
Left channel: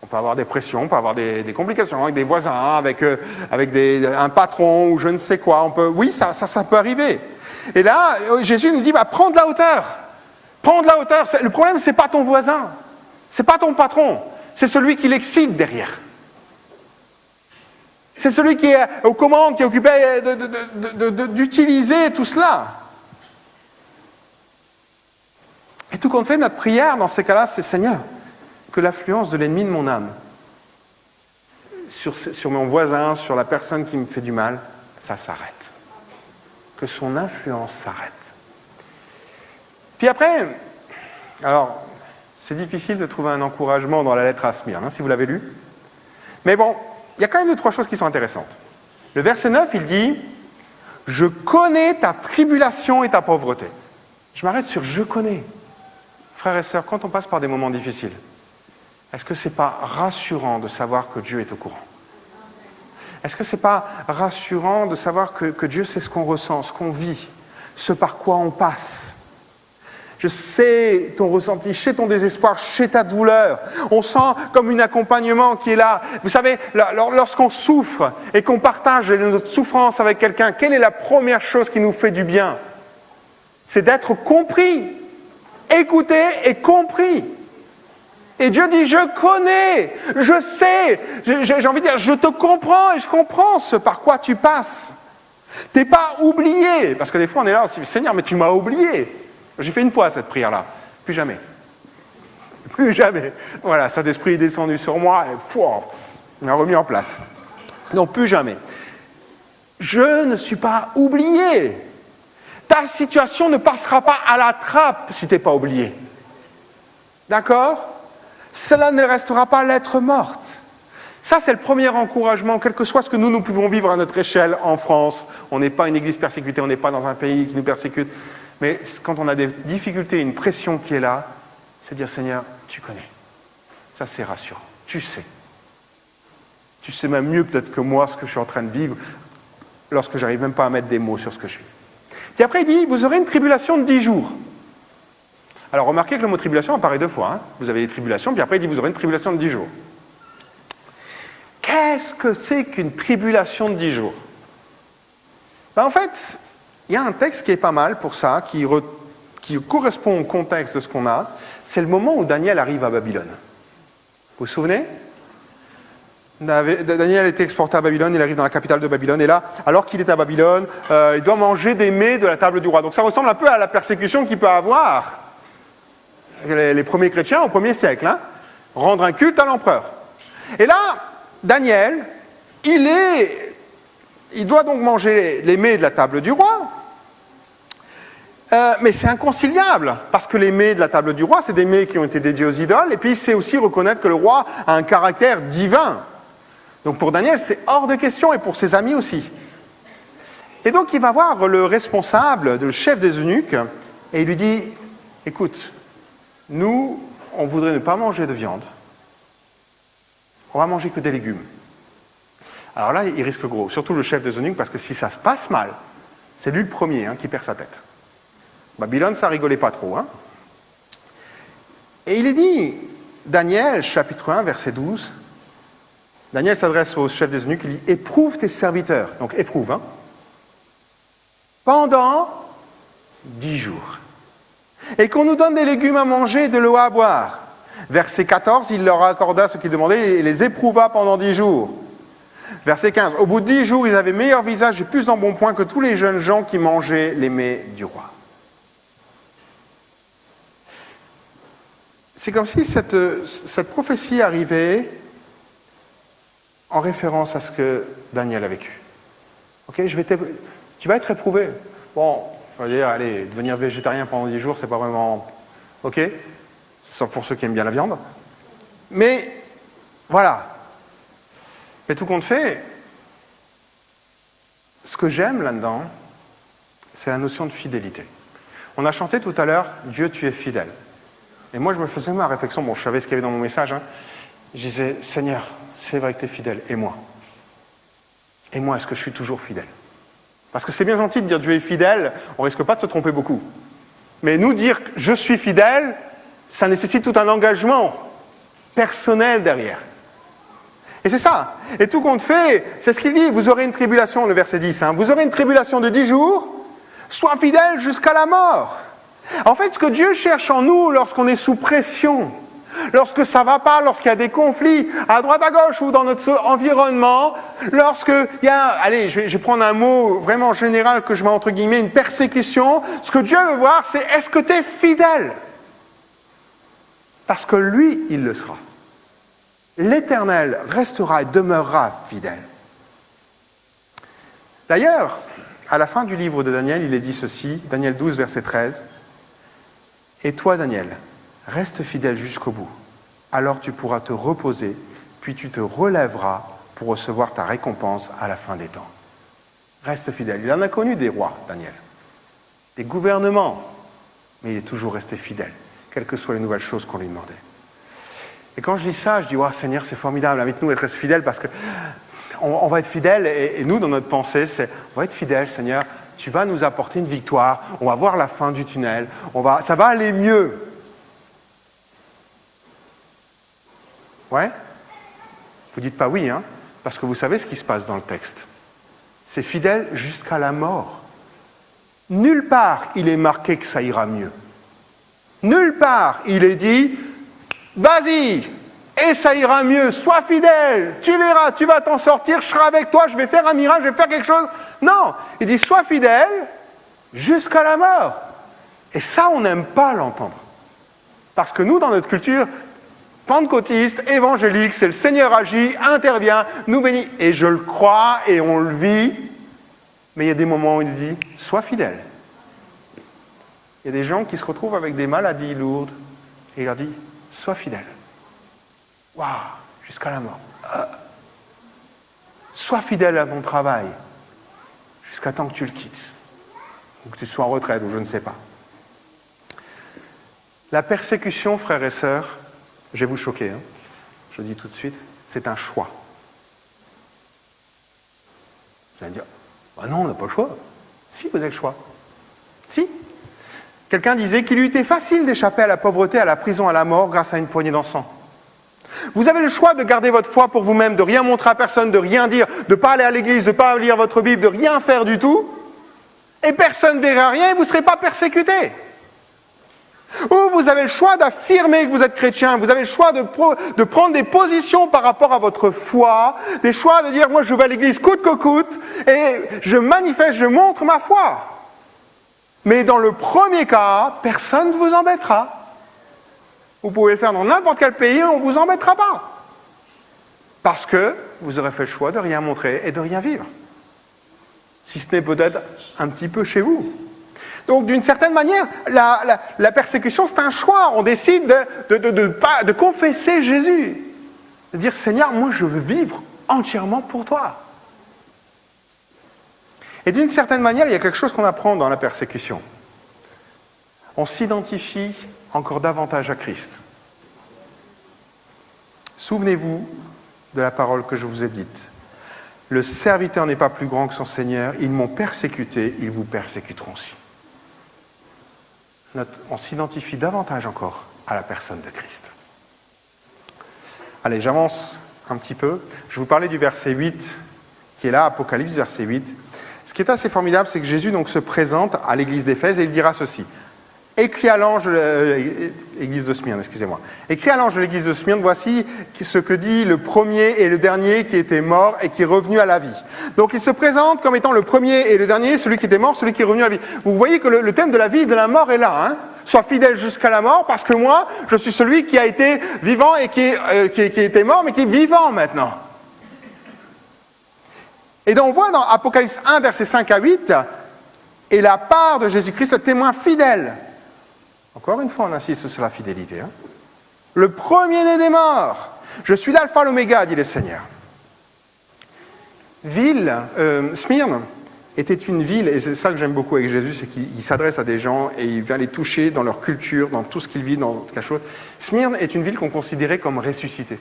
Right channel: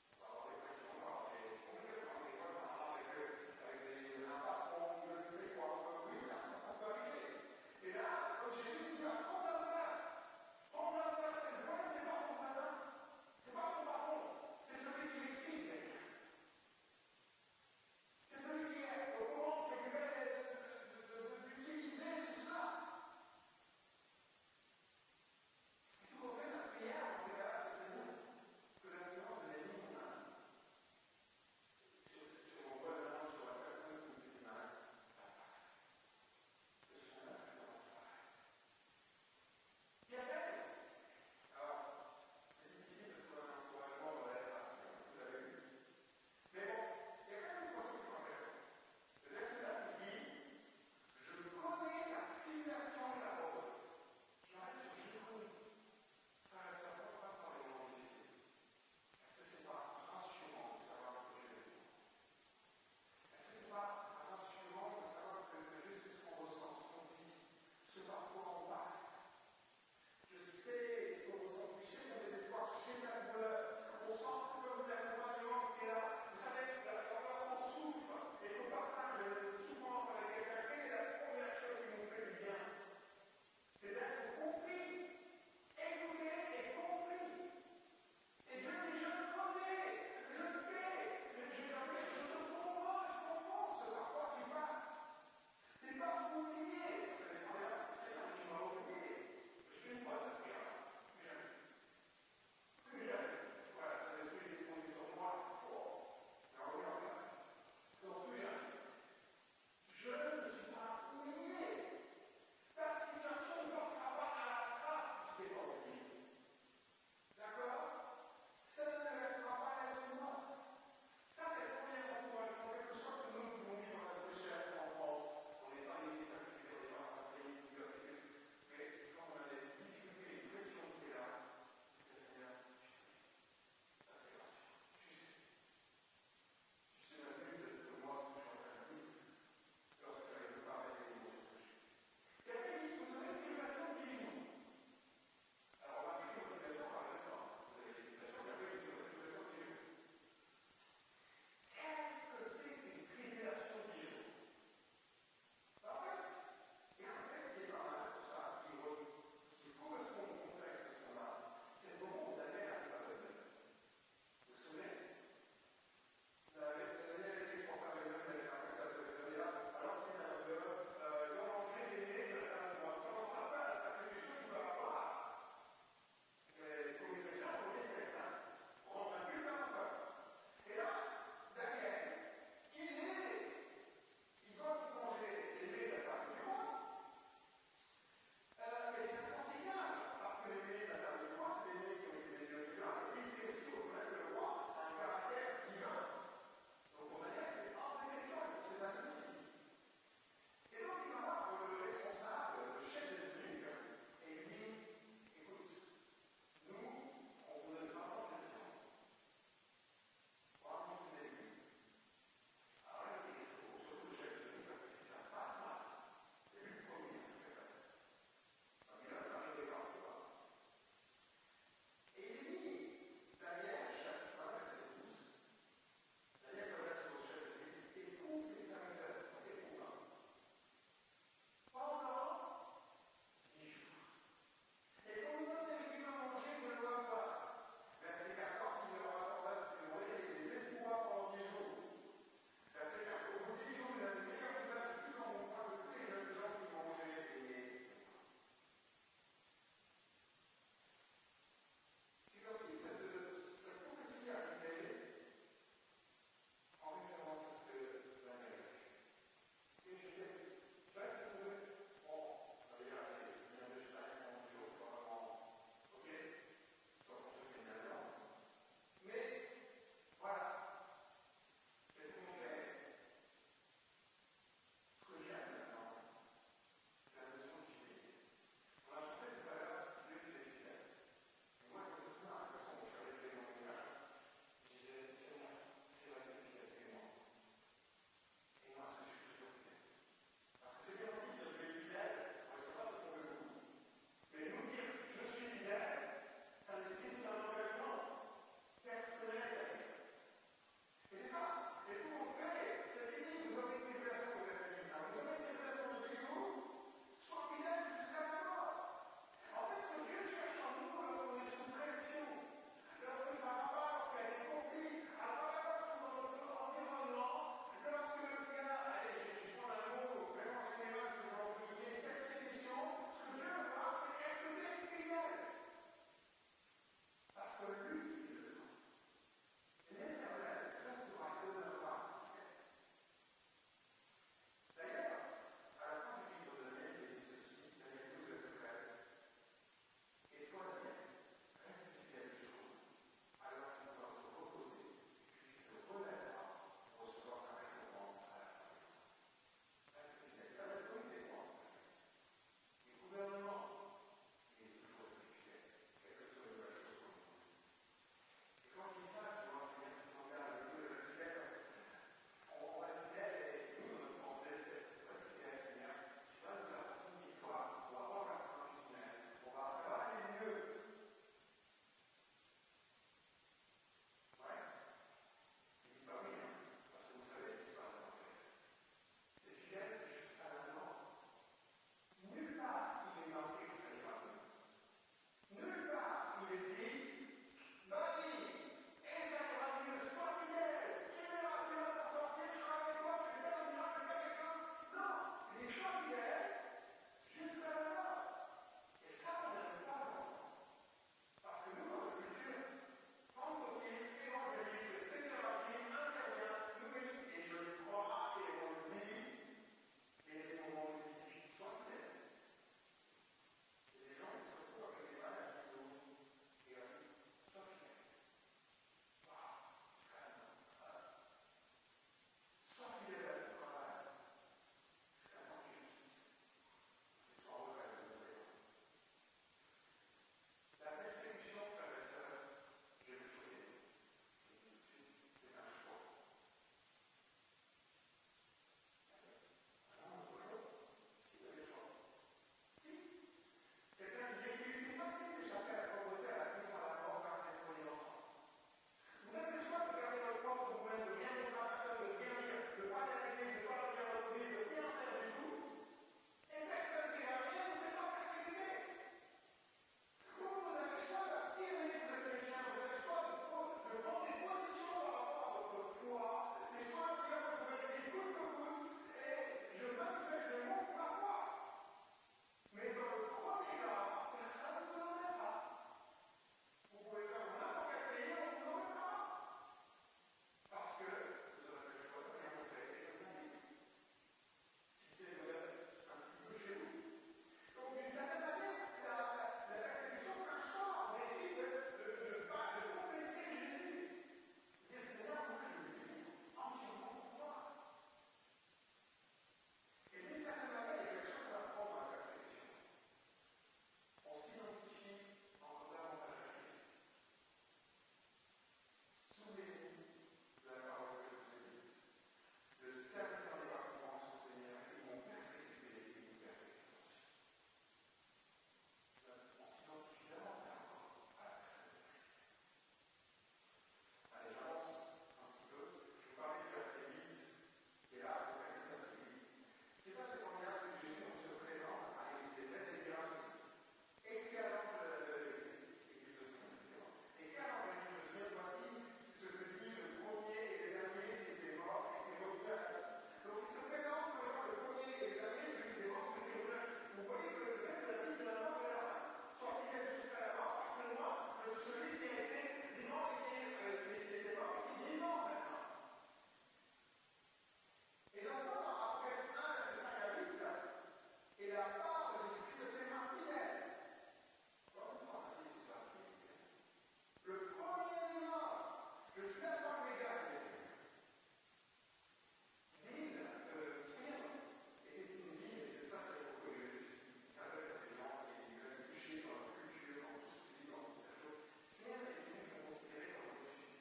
On peut avoir des pressions, on peut avoir des complications avec des voisins, avec un patron ou je ne sais quoi. Oui, ça peut arriver. Et là, Jésus nous dit, prends de la hauteur. Prends de la hauteur. Le problème, ce n'est pas ton voisin. Ce n'est pas ton patron. C'est celui qui l'excite derrière. C'est celui qui est aux commandes, qui est occupé d'utiliser tout cela. Et tout compte fait, notre prière dans ces cas-là, c'est Seigneur, que l'influence de l'ennemi de mon âme sur mon voisin, sur la personne qui me fait du mal, ça s'arrête. Que son influence s'arrête. Puis après, alors, c'est difficile de trouver un encouragement dans la lettre à Smyrne, si vous l'avez lu. Mais bon, il y a quand même 2 ou 3 choses qui sont intéressantes. Le verset 9, il dit « Je connais ta tribulation et ta pauvreté ». Je m'arrête sur « je connais ». Frères et sœurs, quand on passe par des moments difficiles, est-ce que ce n'est pas rassurant de savoir que Dieu est au courant? Est-ce que ce n'est pas rassurant de savoir que Dieu sait ce qu'on ressent, ce qu'on vit, ce par quoi on passe? Je sais ton ressenti, je sais ton désespoir, je sais ta douleur. On sent comme un accompagnement qui est là. Vous savez, lorsqu'on souffre et qu'on partage notre souffrance avec quelqu'un, quelle est la première chose qui nous fait du bien? C'est d'être compris, écouté et compris. Et Dieu dit, je connais, je sais, j'ai envie de dire, je te comprends et je comprends ce par quoi tu passes. Tu n'es pas oublié, parce que des fois on est là, Seigneur, mais tu m'as oublié. J'ai fait une fois cette prière-là, plus jamais. Plus jamais. Voilà, Saint-Esprit est descendu sur moi et il m'a remis en place. Non, plus jamais. Je ne suis pas oublié. Ta situation ne passera pas à la trappe si tu n'es pas oublié. D'accord ? Cela ne restera pas lettre morte. Ça, c'est le premier encouragement, quel que soit ce que nous pouvons vivre à notre échelle en France. On n'est pas une église persécutée, on n'est pas dans un pays qui nous persécute. Mais quand on a des difficultés, une pression qui est là, c'est dire, Seigneur, tu connais. Ça, c'est rassurant. Tu sais. Tu sais même mieux peut-être que moi ce que je suis en train de vivre lorsque j'arrive même pas à mettre des mots sur ce que je vis. Puis après, il dit, vous aurez une tribulation de 10 jours. Alors, remarquez que le mot tribulation apparaît 2 fois. Vous avez des tribulations, puis après, il dit, vous aurez une tribulation de 10 jours. Qu'est-ce que c'est qu'une tribulation de 10 jours? En fait, il y a un texte qui est pas mal pour ça, qui correspond au contexte de ce qu'on a. C'est le moment où Daniel arrive à Babylone. Vous vous souvenez? Daniel a été exporté à Babylone, il arrive dans la capitale de Babylone, et là, alors qu'il est à Babylone, il doit manger des mets de la table du roi. Donc ça ressemble un peu à la persécution qu'il peut avoir les premiers chrétiens au 1er siècle, rendre un culte à l'empereur. Et là, Daniel, il doit donc manger les mets de la table du roi, mais c'est inconciliable, parce que les mets de la table du roi, c'est des mets qui ont été dédiés aux idoles, et puis c'est aussi reconnaître que le roi a un caractère divin. Donc pour Daniel, c'est hors de question, et pour ses amis aussi. Et donc il va voir le responsable, le chef des eunuques, et il lui dit, écoute, nous, on voudrait ne pas manger de viande, on va manger que des légumes. Alors là, il risque gros, surtout le chef des eunuques, parce que si ça se passe mal, c'est lui le premier qui perd sa tête. Babylone, ça rigolait pas trop. Et il est dit, Daniel, chapitre 1, verset 12, Daniel s'adresse au chef des eunuques, il dit, éprouve tes serviteurs, donc éprouve, pendant 10 jours. Et qu'on nous donne des légumes à manger et de l'eau à boire. Verset 14, il leur accorda ce qu'ils demandaient et les éprouva pendant 10 jours. Verset 15, au bout de 10 jours, ils avaient meilleur visage et plus d'embonpoint que tous les jeunes gens qui mangeaient les mets du roi. C'est comme si cette prophétie arrivait en référence à ce que Daniel a vécu. Okay, tu vas être éprouvé. Bon, on va dire, allez, devenir végétarien pendant 10 jours, c'est pas vraiment... OK, sauf pour ceux qui aiment bien la viande. Mais, voilà. Mais tout compte fait, ce que j'aime là-dedans, c'est la notion de fidélité. On a chanté tout à l'heure, Dieu, tu es fidèle. Et moi, je me faisais ma réflexion, bon, je savais ce qu'il y avait dans mon message, je disais, Seigneur, c'est vrai que tu es fidèle, et moi? Et moi, est-ce que je suis toujours fidèle? Parce que c'est bien gentil de dire Dieu est fidèle, on ne risque pas de se tromper beaucoup. Mais nous dire je suis fidèle, ça nécessite tout un engagement personnel derrière. Et c'est ça. Et tout compte fait, c'est ce qu'il dit, vous aurez une tribulation, le verset 10, vous aurez une tribulation de 10 jours, sois fidèle jusqu'à la mort. En fait, ce que Dieu cherche en nous lorsqu'on est sous pression, lorsque ça ne va pas, lorsqu'il y a des conflits à droite à gauche ou dans notre environnement, lorsqu'il y a, allez, je vais prendre un mot vraiment général que je mets entre guillemets, une persécution, ce que Dieu veut voir, c'est est-ce que tu es fidèle? Parce que lui, il le sera. L'Éternel restera et demeurera fidèle. D'ailleurs, à la fin du livre de Daniel, il est dit ceci, Daniel 12, verset 13, « Et toi, Daniel, reste fidèle jusqu'au bout, alors tu pourras te reposer, puis tu te relèveras pour recevoir ta récompense à la fin des temps. » Reste fidèle. Il en a connu des rois, Daniel, des gouvernements, mais il est toujours resté fidèle, quelles que soient les nouvelles choses qu'on lui demandait. Et quand je lis ça, je dis, oh, Seigneur, c'est formidable, invite-nous à être fidèles parce que on va être fidèles et nous, dans notre pensée, c'est, on va être fidèles, Seigneur, tu vas nous apporter une victoire, on va voir la fin du tunnel, ça va aller mieux. Ouais? Vous dites pas oui, parce que vous savez ce qui se passe dans le texte. C'est fidèle jusqu'à la mort. Nulle part il est marqué que ça ira mieux. Nulle part il est dit, vas-y, et ça ira mieux, sois fidèle, tu verras, tu vas t'en sortir, je serai avec toi, je vais faire un miracle, je vais faire quelque chose. Non, il dit, sois fidèle jusqu'à la mort. Et ça, on n'aime pas l'entendre. Parce que nous, dans notre culture pentecôtiste, évangélique, c'est le Seigneur agit, intervient, nous bénit. Et je le crois et on le vit, mais il y a des moments où il dit, sois fidèle. Il y a des gens qui se retrouvent avec des maladies lourdes et il leur dit, sois fidèle. Waouh, jusqu'à la mort. Sois fidèle à ton travail jusqu'à temps que tu le quittes, ou que tu sois en retraite, ou je ne sais pas. La persécution, frères et sœurs, je vais vous choquer, je le dis tout de suite, c'est un choix. Vous allez me dire, bah non, on n'a pas le choix. Si, vous avez le choix. Si. Quelqu'un disait qu'il eût été facile d'échapper à la pauvreté, à la prison, à la mort, grâce à une poignée d'encens. Vous avez le choix de garder votre foi pour vous-même, de rien montrer à personne, de rien dire, de ne pas aller à l'église, de ne pas lire votre Bible, de rien faire du tout, et personne ne verra rien et vous ne serez pas persécuté. Ou vous avez le choix d'affirmer que vous êtes chrétien, vous avez le choix de prendre des positions par rapport à votre foi, des choix de dire, moi je vais à l'église coûte que coûte, et je manifeste, je montre ma foi. Mais dans le premier cas, personne ne vous embêtera. Vous pouvez le faire dans n'importe quel pays, on ne vous embêtera pas. Parce que vous aurez fait le choix de rien montrer et de rien vivre. Si ce n'est peut-être un petit peu chez vous. Donc, d'une certaine manière, la persécution, c'est un choix. On décide de confesser Jésus. De dire, Seigneur, moi, je veux vivre entièrement pour toi. Et d'une certaine manière, il y a quelque chose qu'on apprend dans la persécution. On s'identifie encore davantage à Christ. Souvenez-vous de la parole que je vous ai dite. Le serviteur n'est pas plus grand que son Seigneur. Ils m'ont persécuté, ils vous persécuteront aussi. On s'identifie davantage encore à la personne de Christ. Allez, j'avance un petit peu. Je vous parlais du verset 8, qui est là, Apocalypse, verset 8. Ce qui est assez formidable, c'est que Jésus donc, se présente à l'église d'Éphèse et il dira ceci. Écrit à l'ange de l'église de Smyrne, excusez-moi. Écrit à l'ange de l'église de Smyrne, voici ce que dit le premier et le dernier qui était mort et qui est revenu à la vie. Donc il se présente comme étant le premier et le dernier, celui qui était mort, celui qui est revenu à la vie. Vous voyez que le thème de la vie et de la mort est là. Sois fidèle jusqu'à la mort, parce que moi, je suis celui qui a été vivant et qui était mort, mais qui est vivant maintenant. Et donc on voit dans Apocalypse 1, versets 5 à 8, et la part de Jésus-Christ, le témoin fidèle. Encore une fois, on insiste sur la fidélité. Le premier-né des morts. Je suis l'alpha, l'oméga, dit le Seigneur. Smyrne était une ville, et c'est ça que j'aime beaucoup avec Jésus, c'est qu'il s'adresse à des gens et il vient les toucher dans leur culture, dans tout ce qu'ils vivent, dans quelque chose. Smyrne est une ville qu'on considérait comme ressuscitée.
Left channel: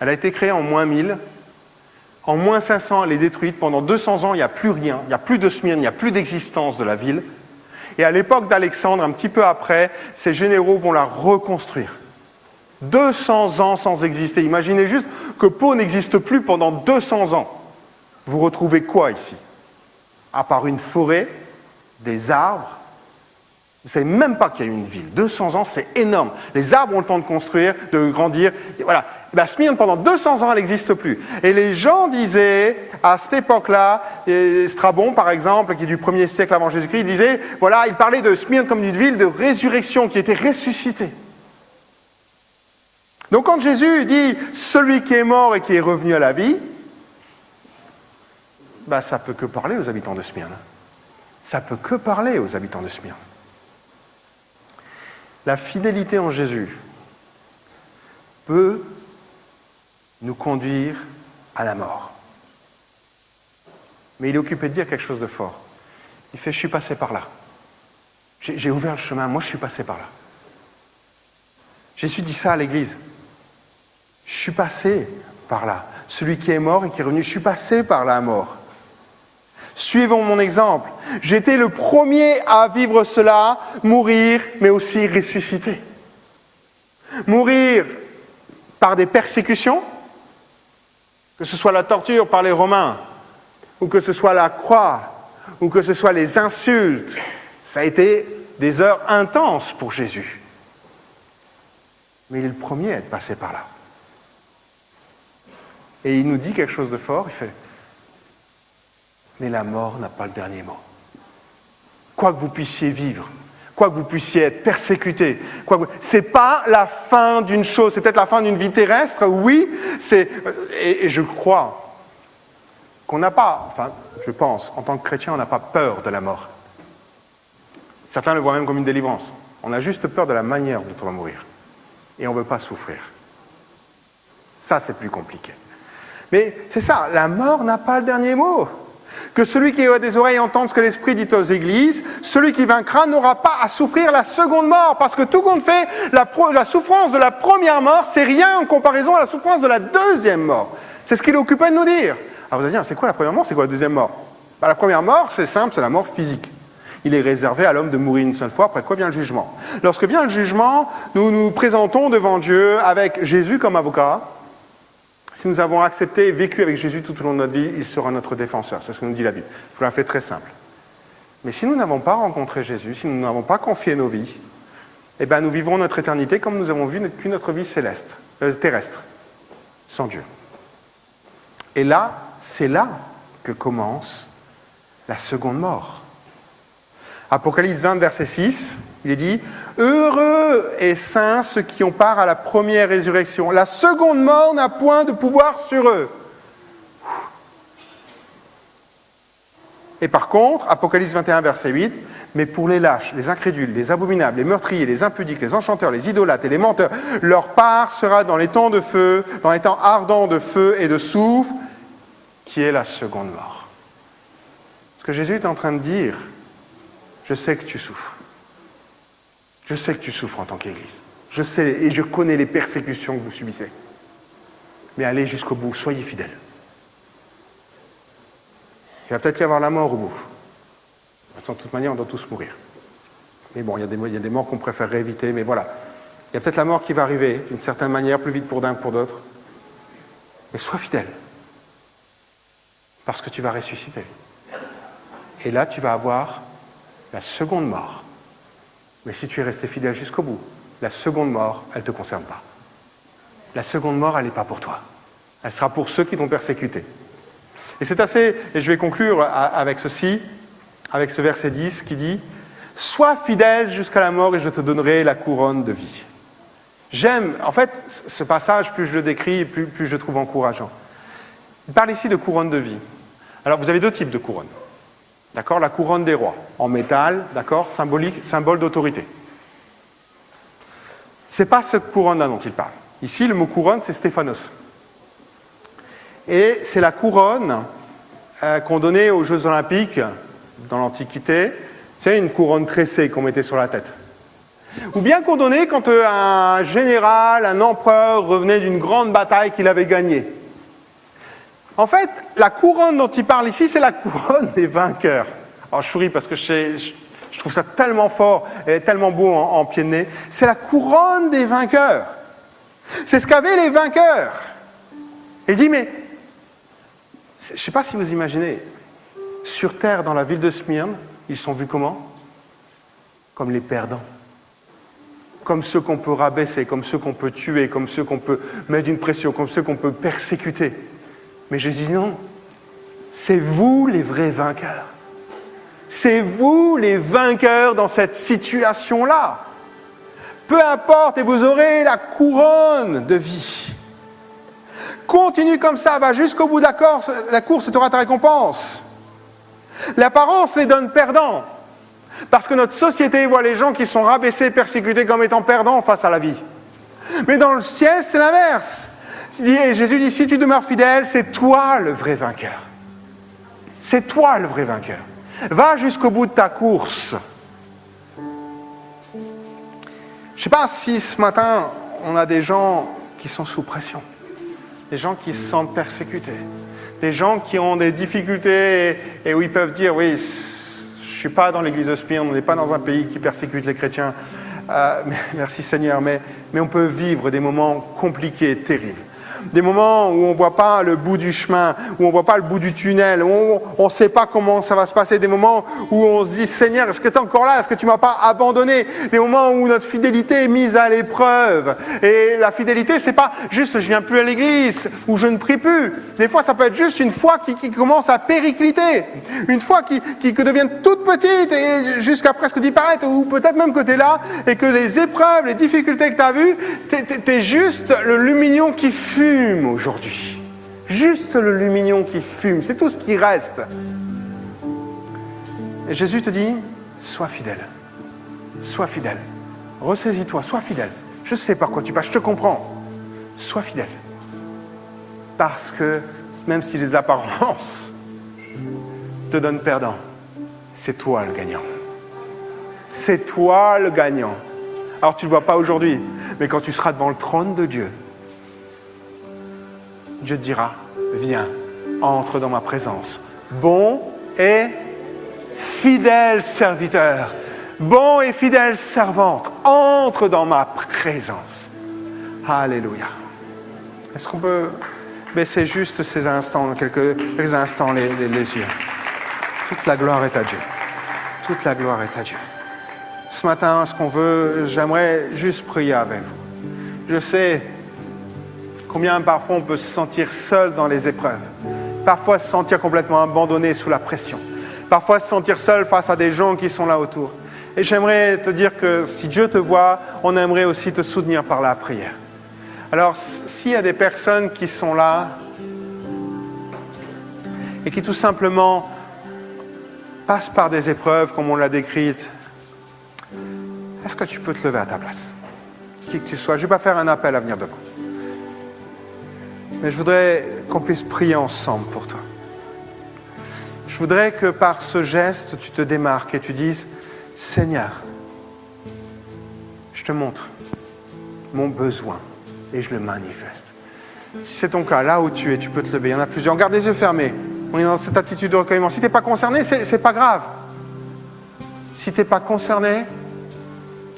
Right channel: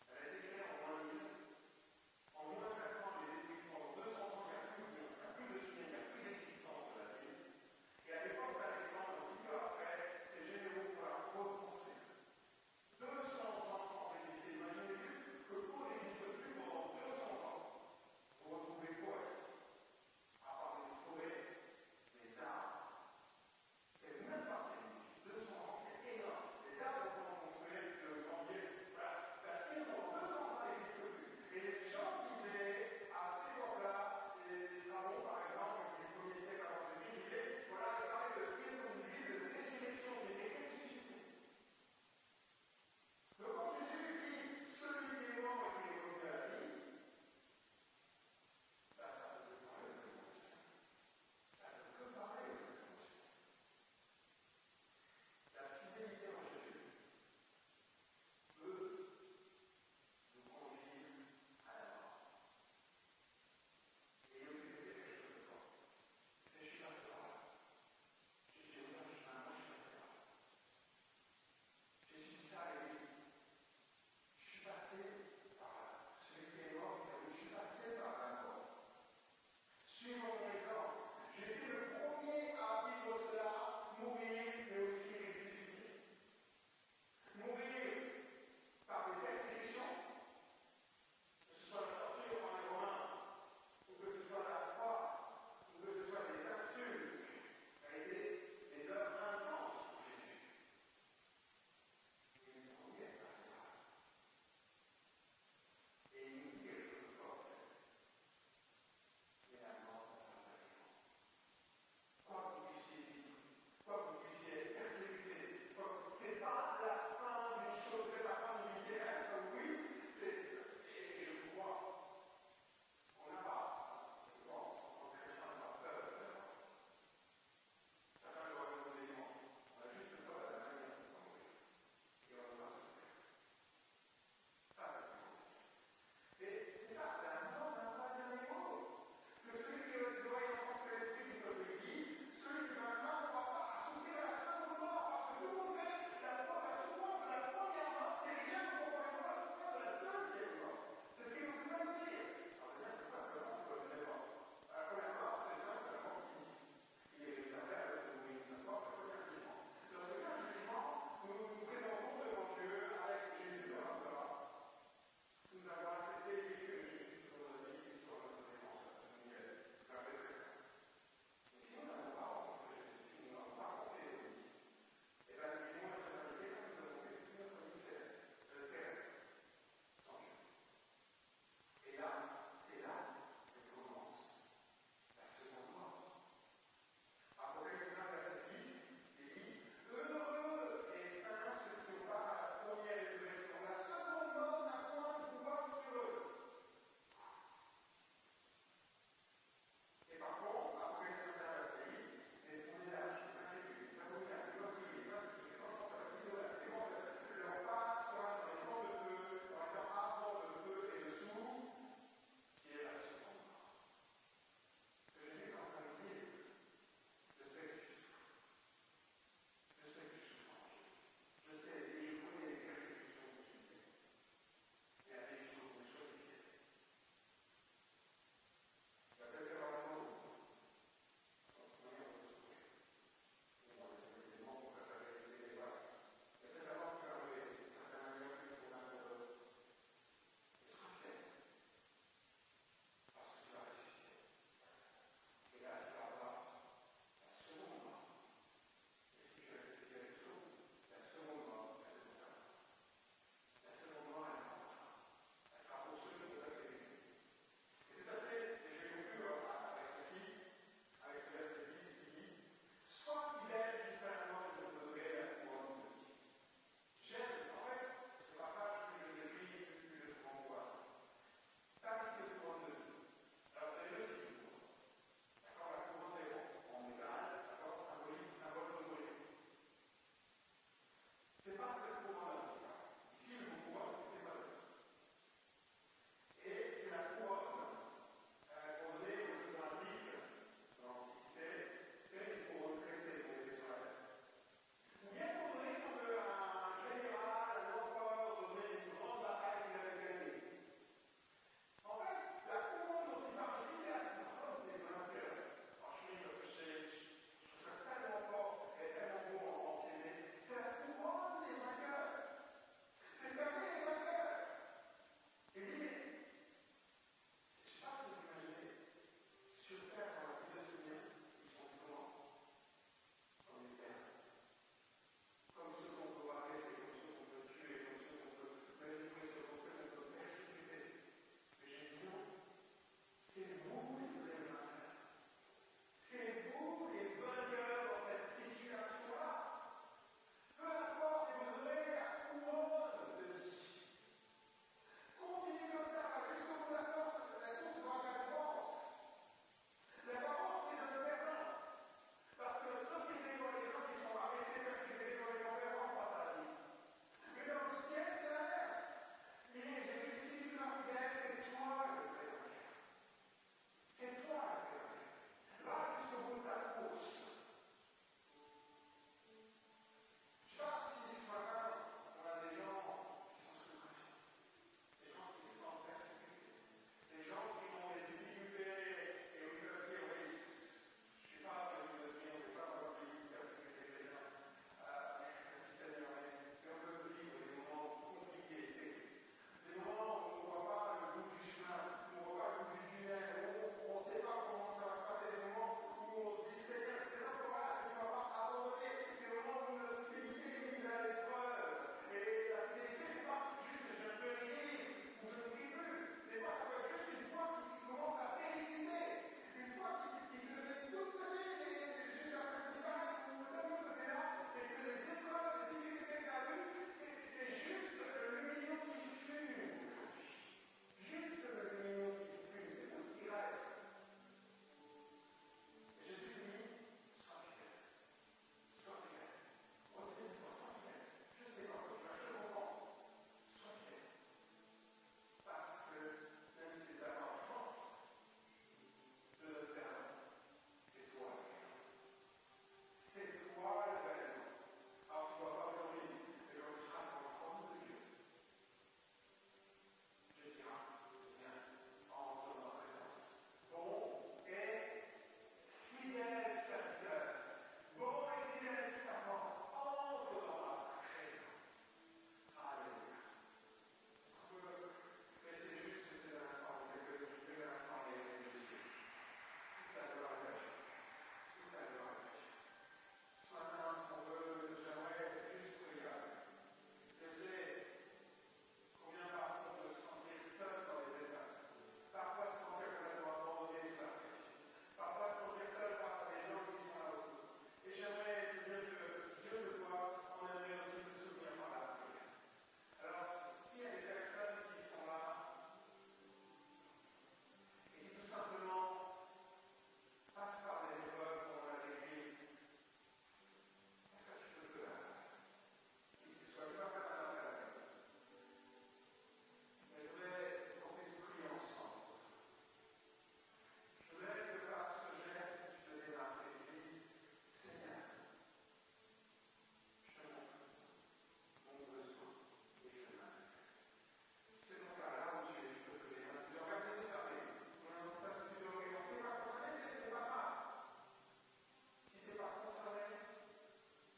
Elle a été créée en moins 1000. En moins 500, elle est détruite. Pendant 200 ans, il n'y a plus rien. Il n'y a plus de Smyrne, il n'y a plus d'existence de la ville. Et à l'époque d'Alexandre, un petit peu après, ces généraux vont la reconstruire. 200 ans sans exister. Imaginez juste que Pau n'existe plus pendant 200 ans. Vous retrouvez quoi ici? À part une forêt, des arbres. Vous ne savez même pas qu'il y a eu une ville. 200 ans, c'est énorme. Les arbres ont le temps de construire, de grandir. Et voilà. Et bien, Smyrne, pendant 200 ans, elle n'existe plus. Et les gens disaient, à cette époque-là, Strabon, par exemple, qui est du 1er siècle avant Jésus-Christ, il disait, voilà, il parlait de Smyrne comme d'une ville de résurrection qui était ressuscitée. Donc quand Jésus dit « celui qui est mort et qui est revenu à la vie », ben, ça ne peut que parler aux habitants de Smyrne. Ça ne peut que parler aux habitants de Smyrne. La fidélité en Jésus peut nous conduire à la mort. Mais il est occupé de dire quelque chose de fort. Il fait « je suis passé par là. J'ai ouvert le chemin, moi je suis passé par là. » Jésus dit ça à l'Église. Je suis passé par là. Celui qui est mort et qui est revenu, je suis passé par la mort. Suivons mon exemple. J'étais le premier à vivre cela, mourir, mais aussi ressusciter. Mourir par des persécutions, que ce soit la torture par les Romains, ou que ce soit la croix, ou que ce soit les insultes. Ça a été des heures intenses pour Jésus. Mais il est le premier à être passé par là. Et il nous dit quelque chose de fort, il fait « Mais la mort n'a pas le dernier mot. Quoi que vous puissiez vivre, quoi que vous puissiez être persécuté, ce n'est pas la fin d'une chose, c'est peut-être la fin d'une vie terrestre, oui, et je crois qu'on n'a pas, enfin, je pense, en tant que chrétien, on n'a pas peur de la mort. Certains le voient même comme une délivrance. On a juste peur de la manière dont on va mourir. Et on ne veut pas souffrir. Ça, c'est plus compliqué. Mais c'est ça, la mort n'a pas le dernier mot. Que celui qui a des oreilles entende ce que l'Esprit dit aux églises, celui qui vaincra n'aura pas à souffrir la seconde mort, parce que tout compte fait, la souffrance de la première mort, c'est rien en comparaison à la souffrance de la deuxième mort. C'est ce qu'il est occupé de nous dire. Alors vous allez dire, c'est quoi la première mort, c'est quoi la deuxième mort? La première mort, c'est simple, c'est la mort physique. Il est réservé à l'homme de mourir une seule fois, après quoi vient le jugement. Lorsque vient le jugement, nous nous présentons devant Dieu avec Jésus comme avocat. Si nous avons accepté et vécu avec Jésus tout au long de notre vie, il sera notre défenseur. C'est ce que nous dit la Bible. Je vous la fais très simple. Mais si nous n'avons pas rencontré Jésus, si nous n'avons pas confié nos vies, eh bien nous vivrons notre éternité comme nous avons vécu notre vie terrestre, sans Dieu. Et là, c'est là que commence la seconde mort. Apocalypse 20, verset 6, il est dit « Heureux et saints ceux qui ont part à la première résurrection. La seconde mort n'a point de pouvoir sur eux. » Et par contre, Apocalypse 21, verset 8, « Mais pour les lâches, les incrédules, les abominables, les meurtriers, les impudiques, les enchanteurs, les idolâtres et les menteurs, leur part sera dans les temps de feu, dans les temps ardents de feu et de soufre, qui est la seconde mort. » Ce que Jésus est en train de dire, je sais que tu souffres. Je sais que tu souffres en tant qu'Église. Je sais et je connais les persécutions que vous subissez. Mais allez jusqu'au bout, soyez fidèles. Il va peut-être y avoir la mort au bout. De toute manière, on doit tous mourir. Mais bon, il y a des morts qu'on préférerait éviter, mais voilà. Il y a peut-être la mort qui va arriver, d'une certaine manière, plus vite pour d'un que pour d'autres. Mais sois fidèle. Parce que tu vas ressusciter. Et là, tu vas avoir la seconde mort. Mais si tu es resté fidèle jusqu'au bout, la seconde mort, elle ne te concerne pas. La seconde mort, elle n'est pas pour toi. Elle sera pour ceux qui t'ont persécuté. Et c'est assez, et je vais conclure avec ceci, avec ce verset 10 qui dit « Sois fidèle jusqu'à la mort et je te donnerai la couronne de vie. » J'aime, en fait, ce passage, plus je le décris, plus je le trouve encourageant. Il parle ici de couronne de vie. Alors, vous avez deux types de couronnes. D'accord, la couronne des rois, en métal, d'accord, symbole d'autorité. Ce n'est pas cette couronne-là dont il parle. Ici, le mot couronne, c'est Stéphanos. Et c'est la couronne qu'on donnait aux Jeux Olympiques dans l'Antiquité. C'est une couronne tressée qu'on mettait sur la tête. Ou bien qu'on donnait quand un général, un empereur revenait d'une grande bataille qu'il avait gagnée. En fait, la couronne dont il parle ici, c'est la couronne des vainqueurs. Alors je souris parce que je Je trouve ça tellement fort et tellement beau en pied de nez. C'est la couronne des vainqueurs. C'est ce qu'avaient les vainqueurs. Il dit, mais je ne sais pas si vous imaginez, sur terre, dans la ville de Smyrne, ils sont vus comment? Comme les perdants. Comme ceux qu'on peut rabaisser, comme ceux qu'on peut tuer, comme ceux qu'on peut mettre une pression, comme ceux qu'on peut persécuter. Mais Jésus dit non, c'est vous les vrais vainqueurs. C'est vous les vainqueurs dans cette situation-là. Peu importe, et vous aurez la couronne de vie. Continue comme ça, va jusqu'au bout de la course et tu auras ta récompense. L'apparence les donne perdants. Parce que notre société voit les gens qui sont rabaissés, persécutés comme étant perdants face à la vie. Mais dans le ciel, c'est l'inverse. Jésus dit, si tu demeures fidèle, c'est toi le vrai vainqueur. C'est toi le vrai vainqueur. Va jusqu'au bout de ta course. Je ne sais pas si ce matin, on a des gens qui sont sous pression. Des gens qui se sentent persécutés. Des gens qui ont des difficultés et où ils peuvent dire, oui, je ne suis pas dans l'église de Smyrne, on n'est pas dans un pays qui persécute les chrétiens. Merci Seigneur, mais on peut vivre des moments compliqués, terribles. Des moments où on ne voit pas le bout du chemin, où on ne voit pas le bout du tunnel, où on ne sait pas comment ça va se passer. Des moments où on se dit, Seigneur, est-ce que tu es encore là? Est-ce que tu ne m'as pas abandonné? Des moments où notre fidélité est mise à l'épreuve. Et la fidélité, ce n'est pas juste, je ne viens plus à l'église, ou je ne prie plus. Des fois, ça peut être juste une foi qui commence à péricliter. Une foi qui devient toute petite, et jusqu'à presque disparaître, ou peut-être même que tu es là, et que les épreuves, les difficultés que tu as vues, tu es juste le lumignon qui fume aujourd'hui. Juste le lumignon qui fume, c'est tout ce qui reste. Et Jésus te dit, sois fidèle. Sois fidèle. Ressaisis-toi, sois fidèle. Je sais par quoi tu passes, je te comprends. Sois fidèle. Parce que même si les apparences te donnent perdant, c'est toi le gagnant. C'est toi le gagnant. Alors tu ne le vois pas aujourd'hui, mais quand tu seras devant le trône de Dieu, Dieu te dira, viens, entre dans ma présence. Bon et fidèle serviteur, bon et fidèle servante, entre dans ma présence. Alléluia. Est-ce qu'on peut baisser juste ces instants, quelques instants les yeux? Toute la gloire est à Dieu. Toute la gloire est à Dieu. Ce matin, j'aimerais juste prier avec vous. Je sais combien parfois on peut se sentir seul dans les épreuves. Parfois se sentir complètement abandonné sous la pression. Parfois se sentir seul face à des gens qui sont là autour. Et j'aimerais te dire que si Dieu te voit, on aimerait aussi te soutenir par la prière. Alors, s'il y a des personnes qui sont là et qui tout simplement passent par des épreuves comme on l'a décrite, est-ce que tu peux te lever à ta place? Qui que tu sois, je ne vais pas faire un appel à venir devant. Mais je voudrais qu'on puisse prier ensemble pour toi. Je voudrais que par ce geste, tu te démarques et tu dises, Seigneur, je te montre mon besoin et je le manifeste. Si c'est ton cas, là où tu es, tu peux te lever. Il y en a plusieurs. Garde les yeux fermés. On est dans cette attitude de recueillement. Si tu n'es pas concerné, c'est pas grave. Si tu n'es pas concerné,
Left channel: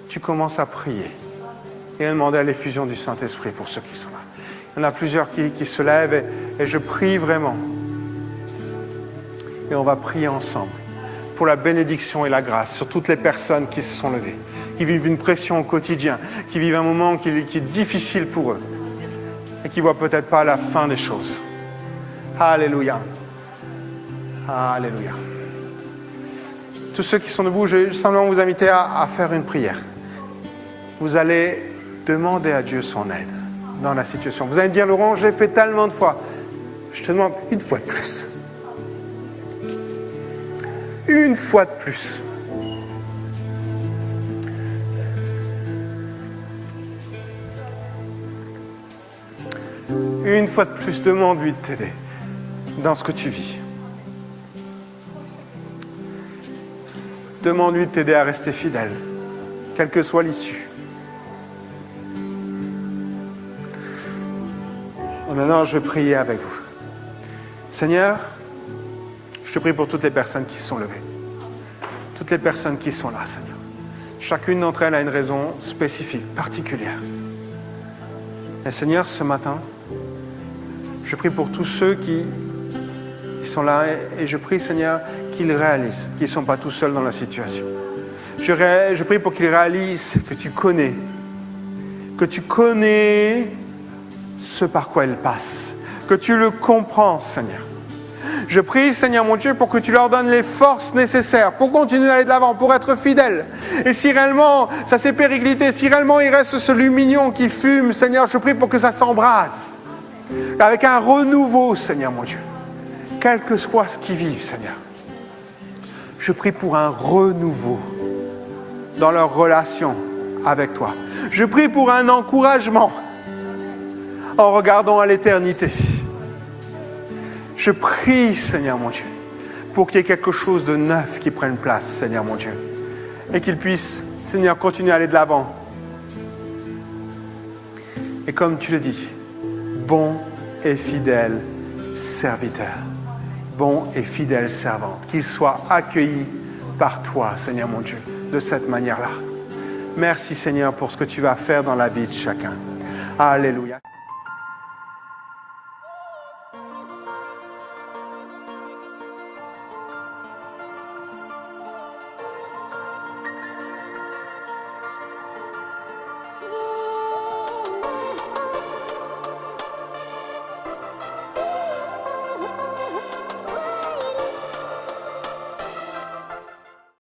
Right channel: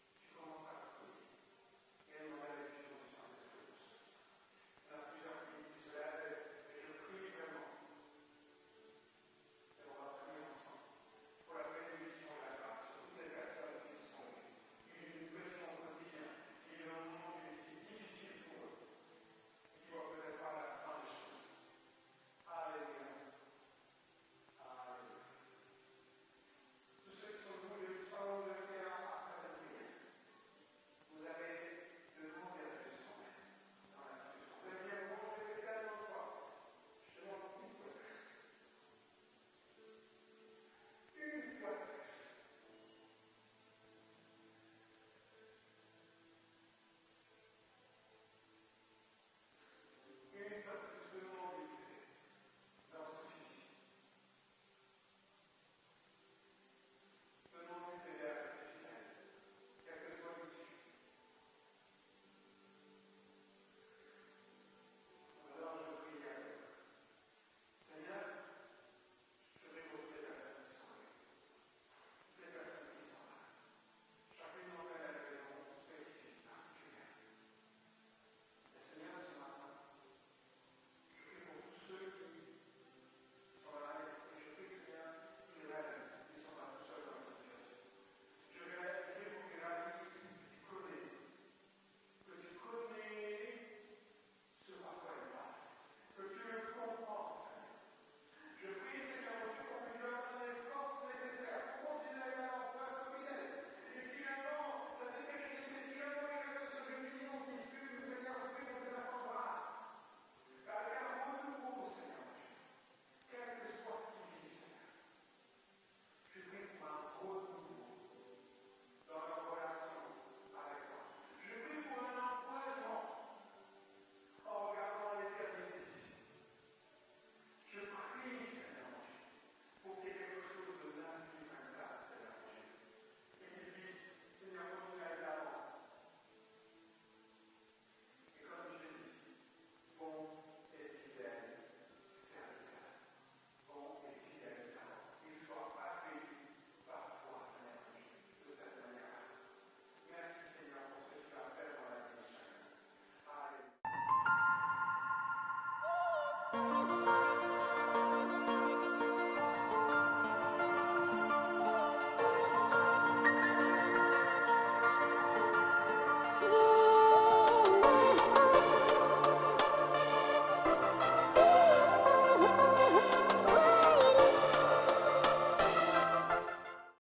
tu commences à prier et à demander à l'effusion du Saint-Esprit pour ceux qui sont là. Il y en a plusieurs qui se lèvent et je prie vraiment. Et on va prier ensemble pour la bénédiction et la grâce sur toutes les personnes qui se sont levées, qui vivent une pression au quotidien, qui vivent un moment qui est difficile pour eux et qui ne voient peut-être pas la fin des choses. Alléluia. Alléluia. Tous ceux qui sont debout, je vais simplement vous inviter à faire une prière. Vous allez demander à Dieu son aide dans la situation. Vous allez me dire, Laurent, je l'ai fait tellement de fois. Je te demande une fois de plus. Une fois de plus. Une fois de plus, demande-lui de t'aider dans ce que tu vis. Demande-lui de t'aider à rester fidèle, quelle que soit l'issue. Et maintenant, je vais prier avec vous. Seigneur, je te prie pour toutes les personnes qui se sont levées. toutes les personnes qui sont là, Seigneur. Chacune d'entre elles a une raison spécifique, particulière. Et Seigneur, ce matin, je prie pour tous ceux qui sont là et je prie, Seigneur, qu'ils réalisent qu'ils ne sont pas tout seuls dans la situation. Je prie pour qu'ils réalisent que tu connais ce par quoi ils passent, que tu le comprends, Seigneur. Je prie, Seigneur mon Dieu, pour que tu leur donnes les forces nécessaires pour continuer à aller de l'avant, pour être fidèles. Et si réellement ça s'est périclité, si réellement il reste ce lumignon qui fume, Seigneur, je prie pour que ça s'embrase avec un renouveau, Seigneur mon Dieu. Quel que soit ce qu'ils vivent, Seigneur. Je prie pour un renouveau dans leur relation avec toi. Je prie pour un encouragement en regardant à l'éternité. Je prie, Seigneur mon Dieu, pour qu'il y ait quelque chose de neuf qui prenne place, Seigneur mon Dieu, et qu'ils puissent, Seigneur, continuer à aller de l'avant. Et comme tu le dis, bon et fidèle serviteur, bon et fidèle servante, qu'ils soient accueillis par toi, Seigneur mon Dieu, de cette manière-là. Merci, Seigneur, pour ce que tu vas faire dans la vie de chacun. Alléluia.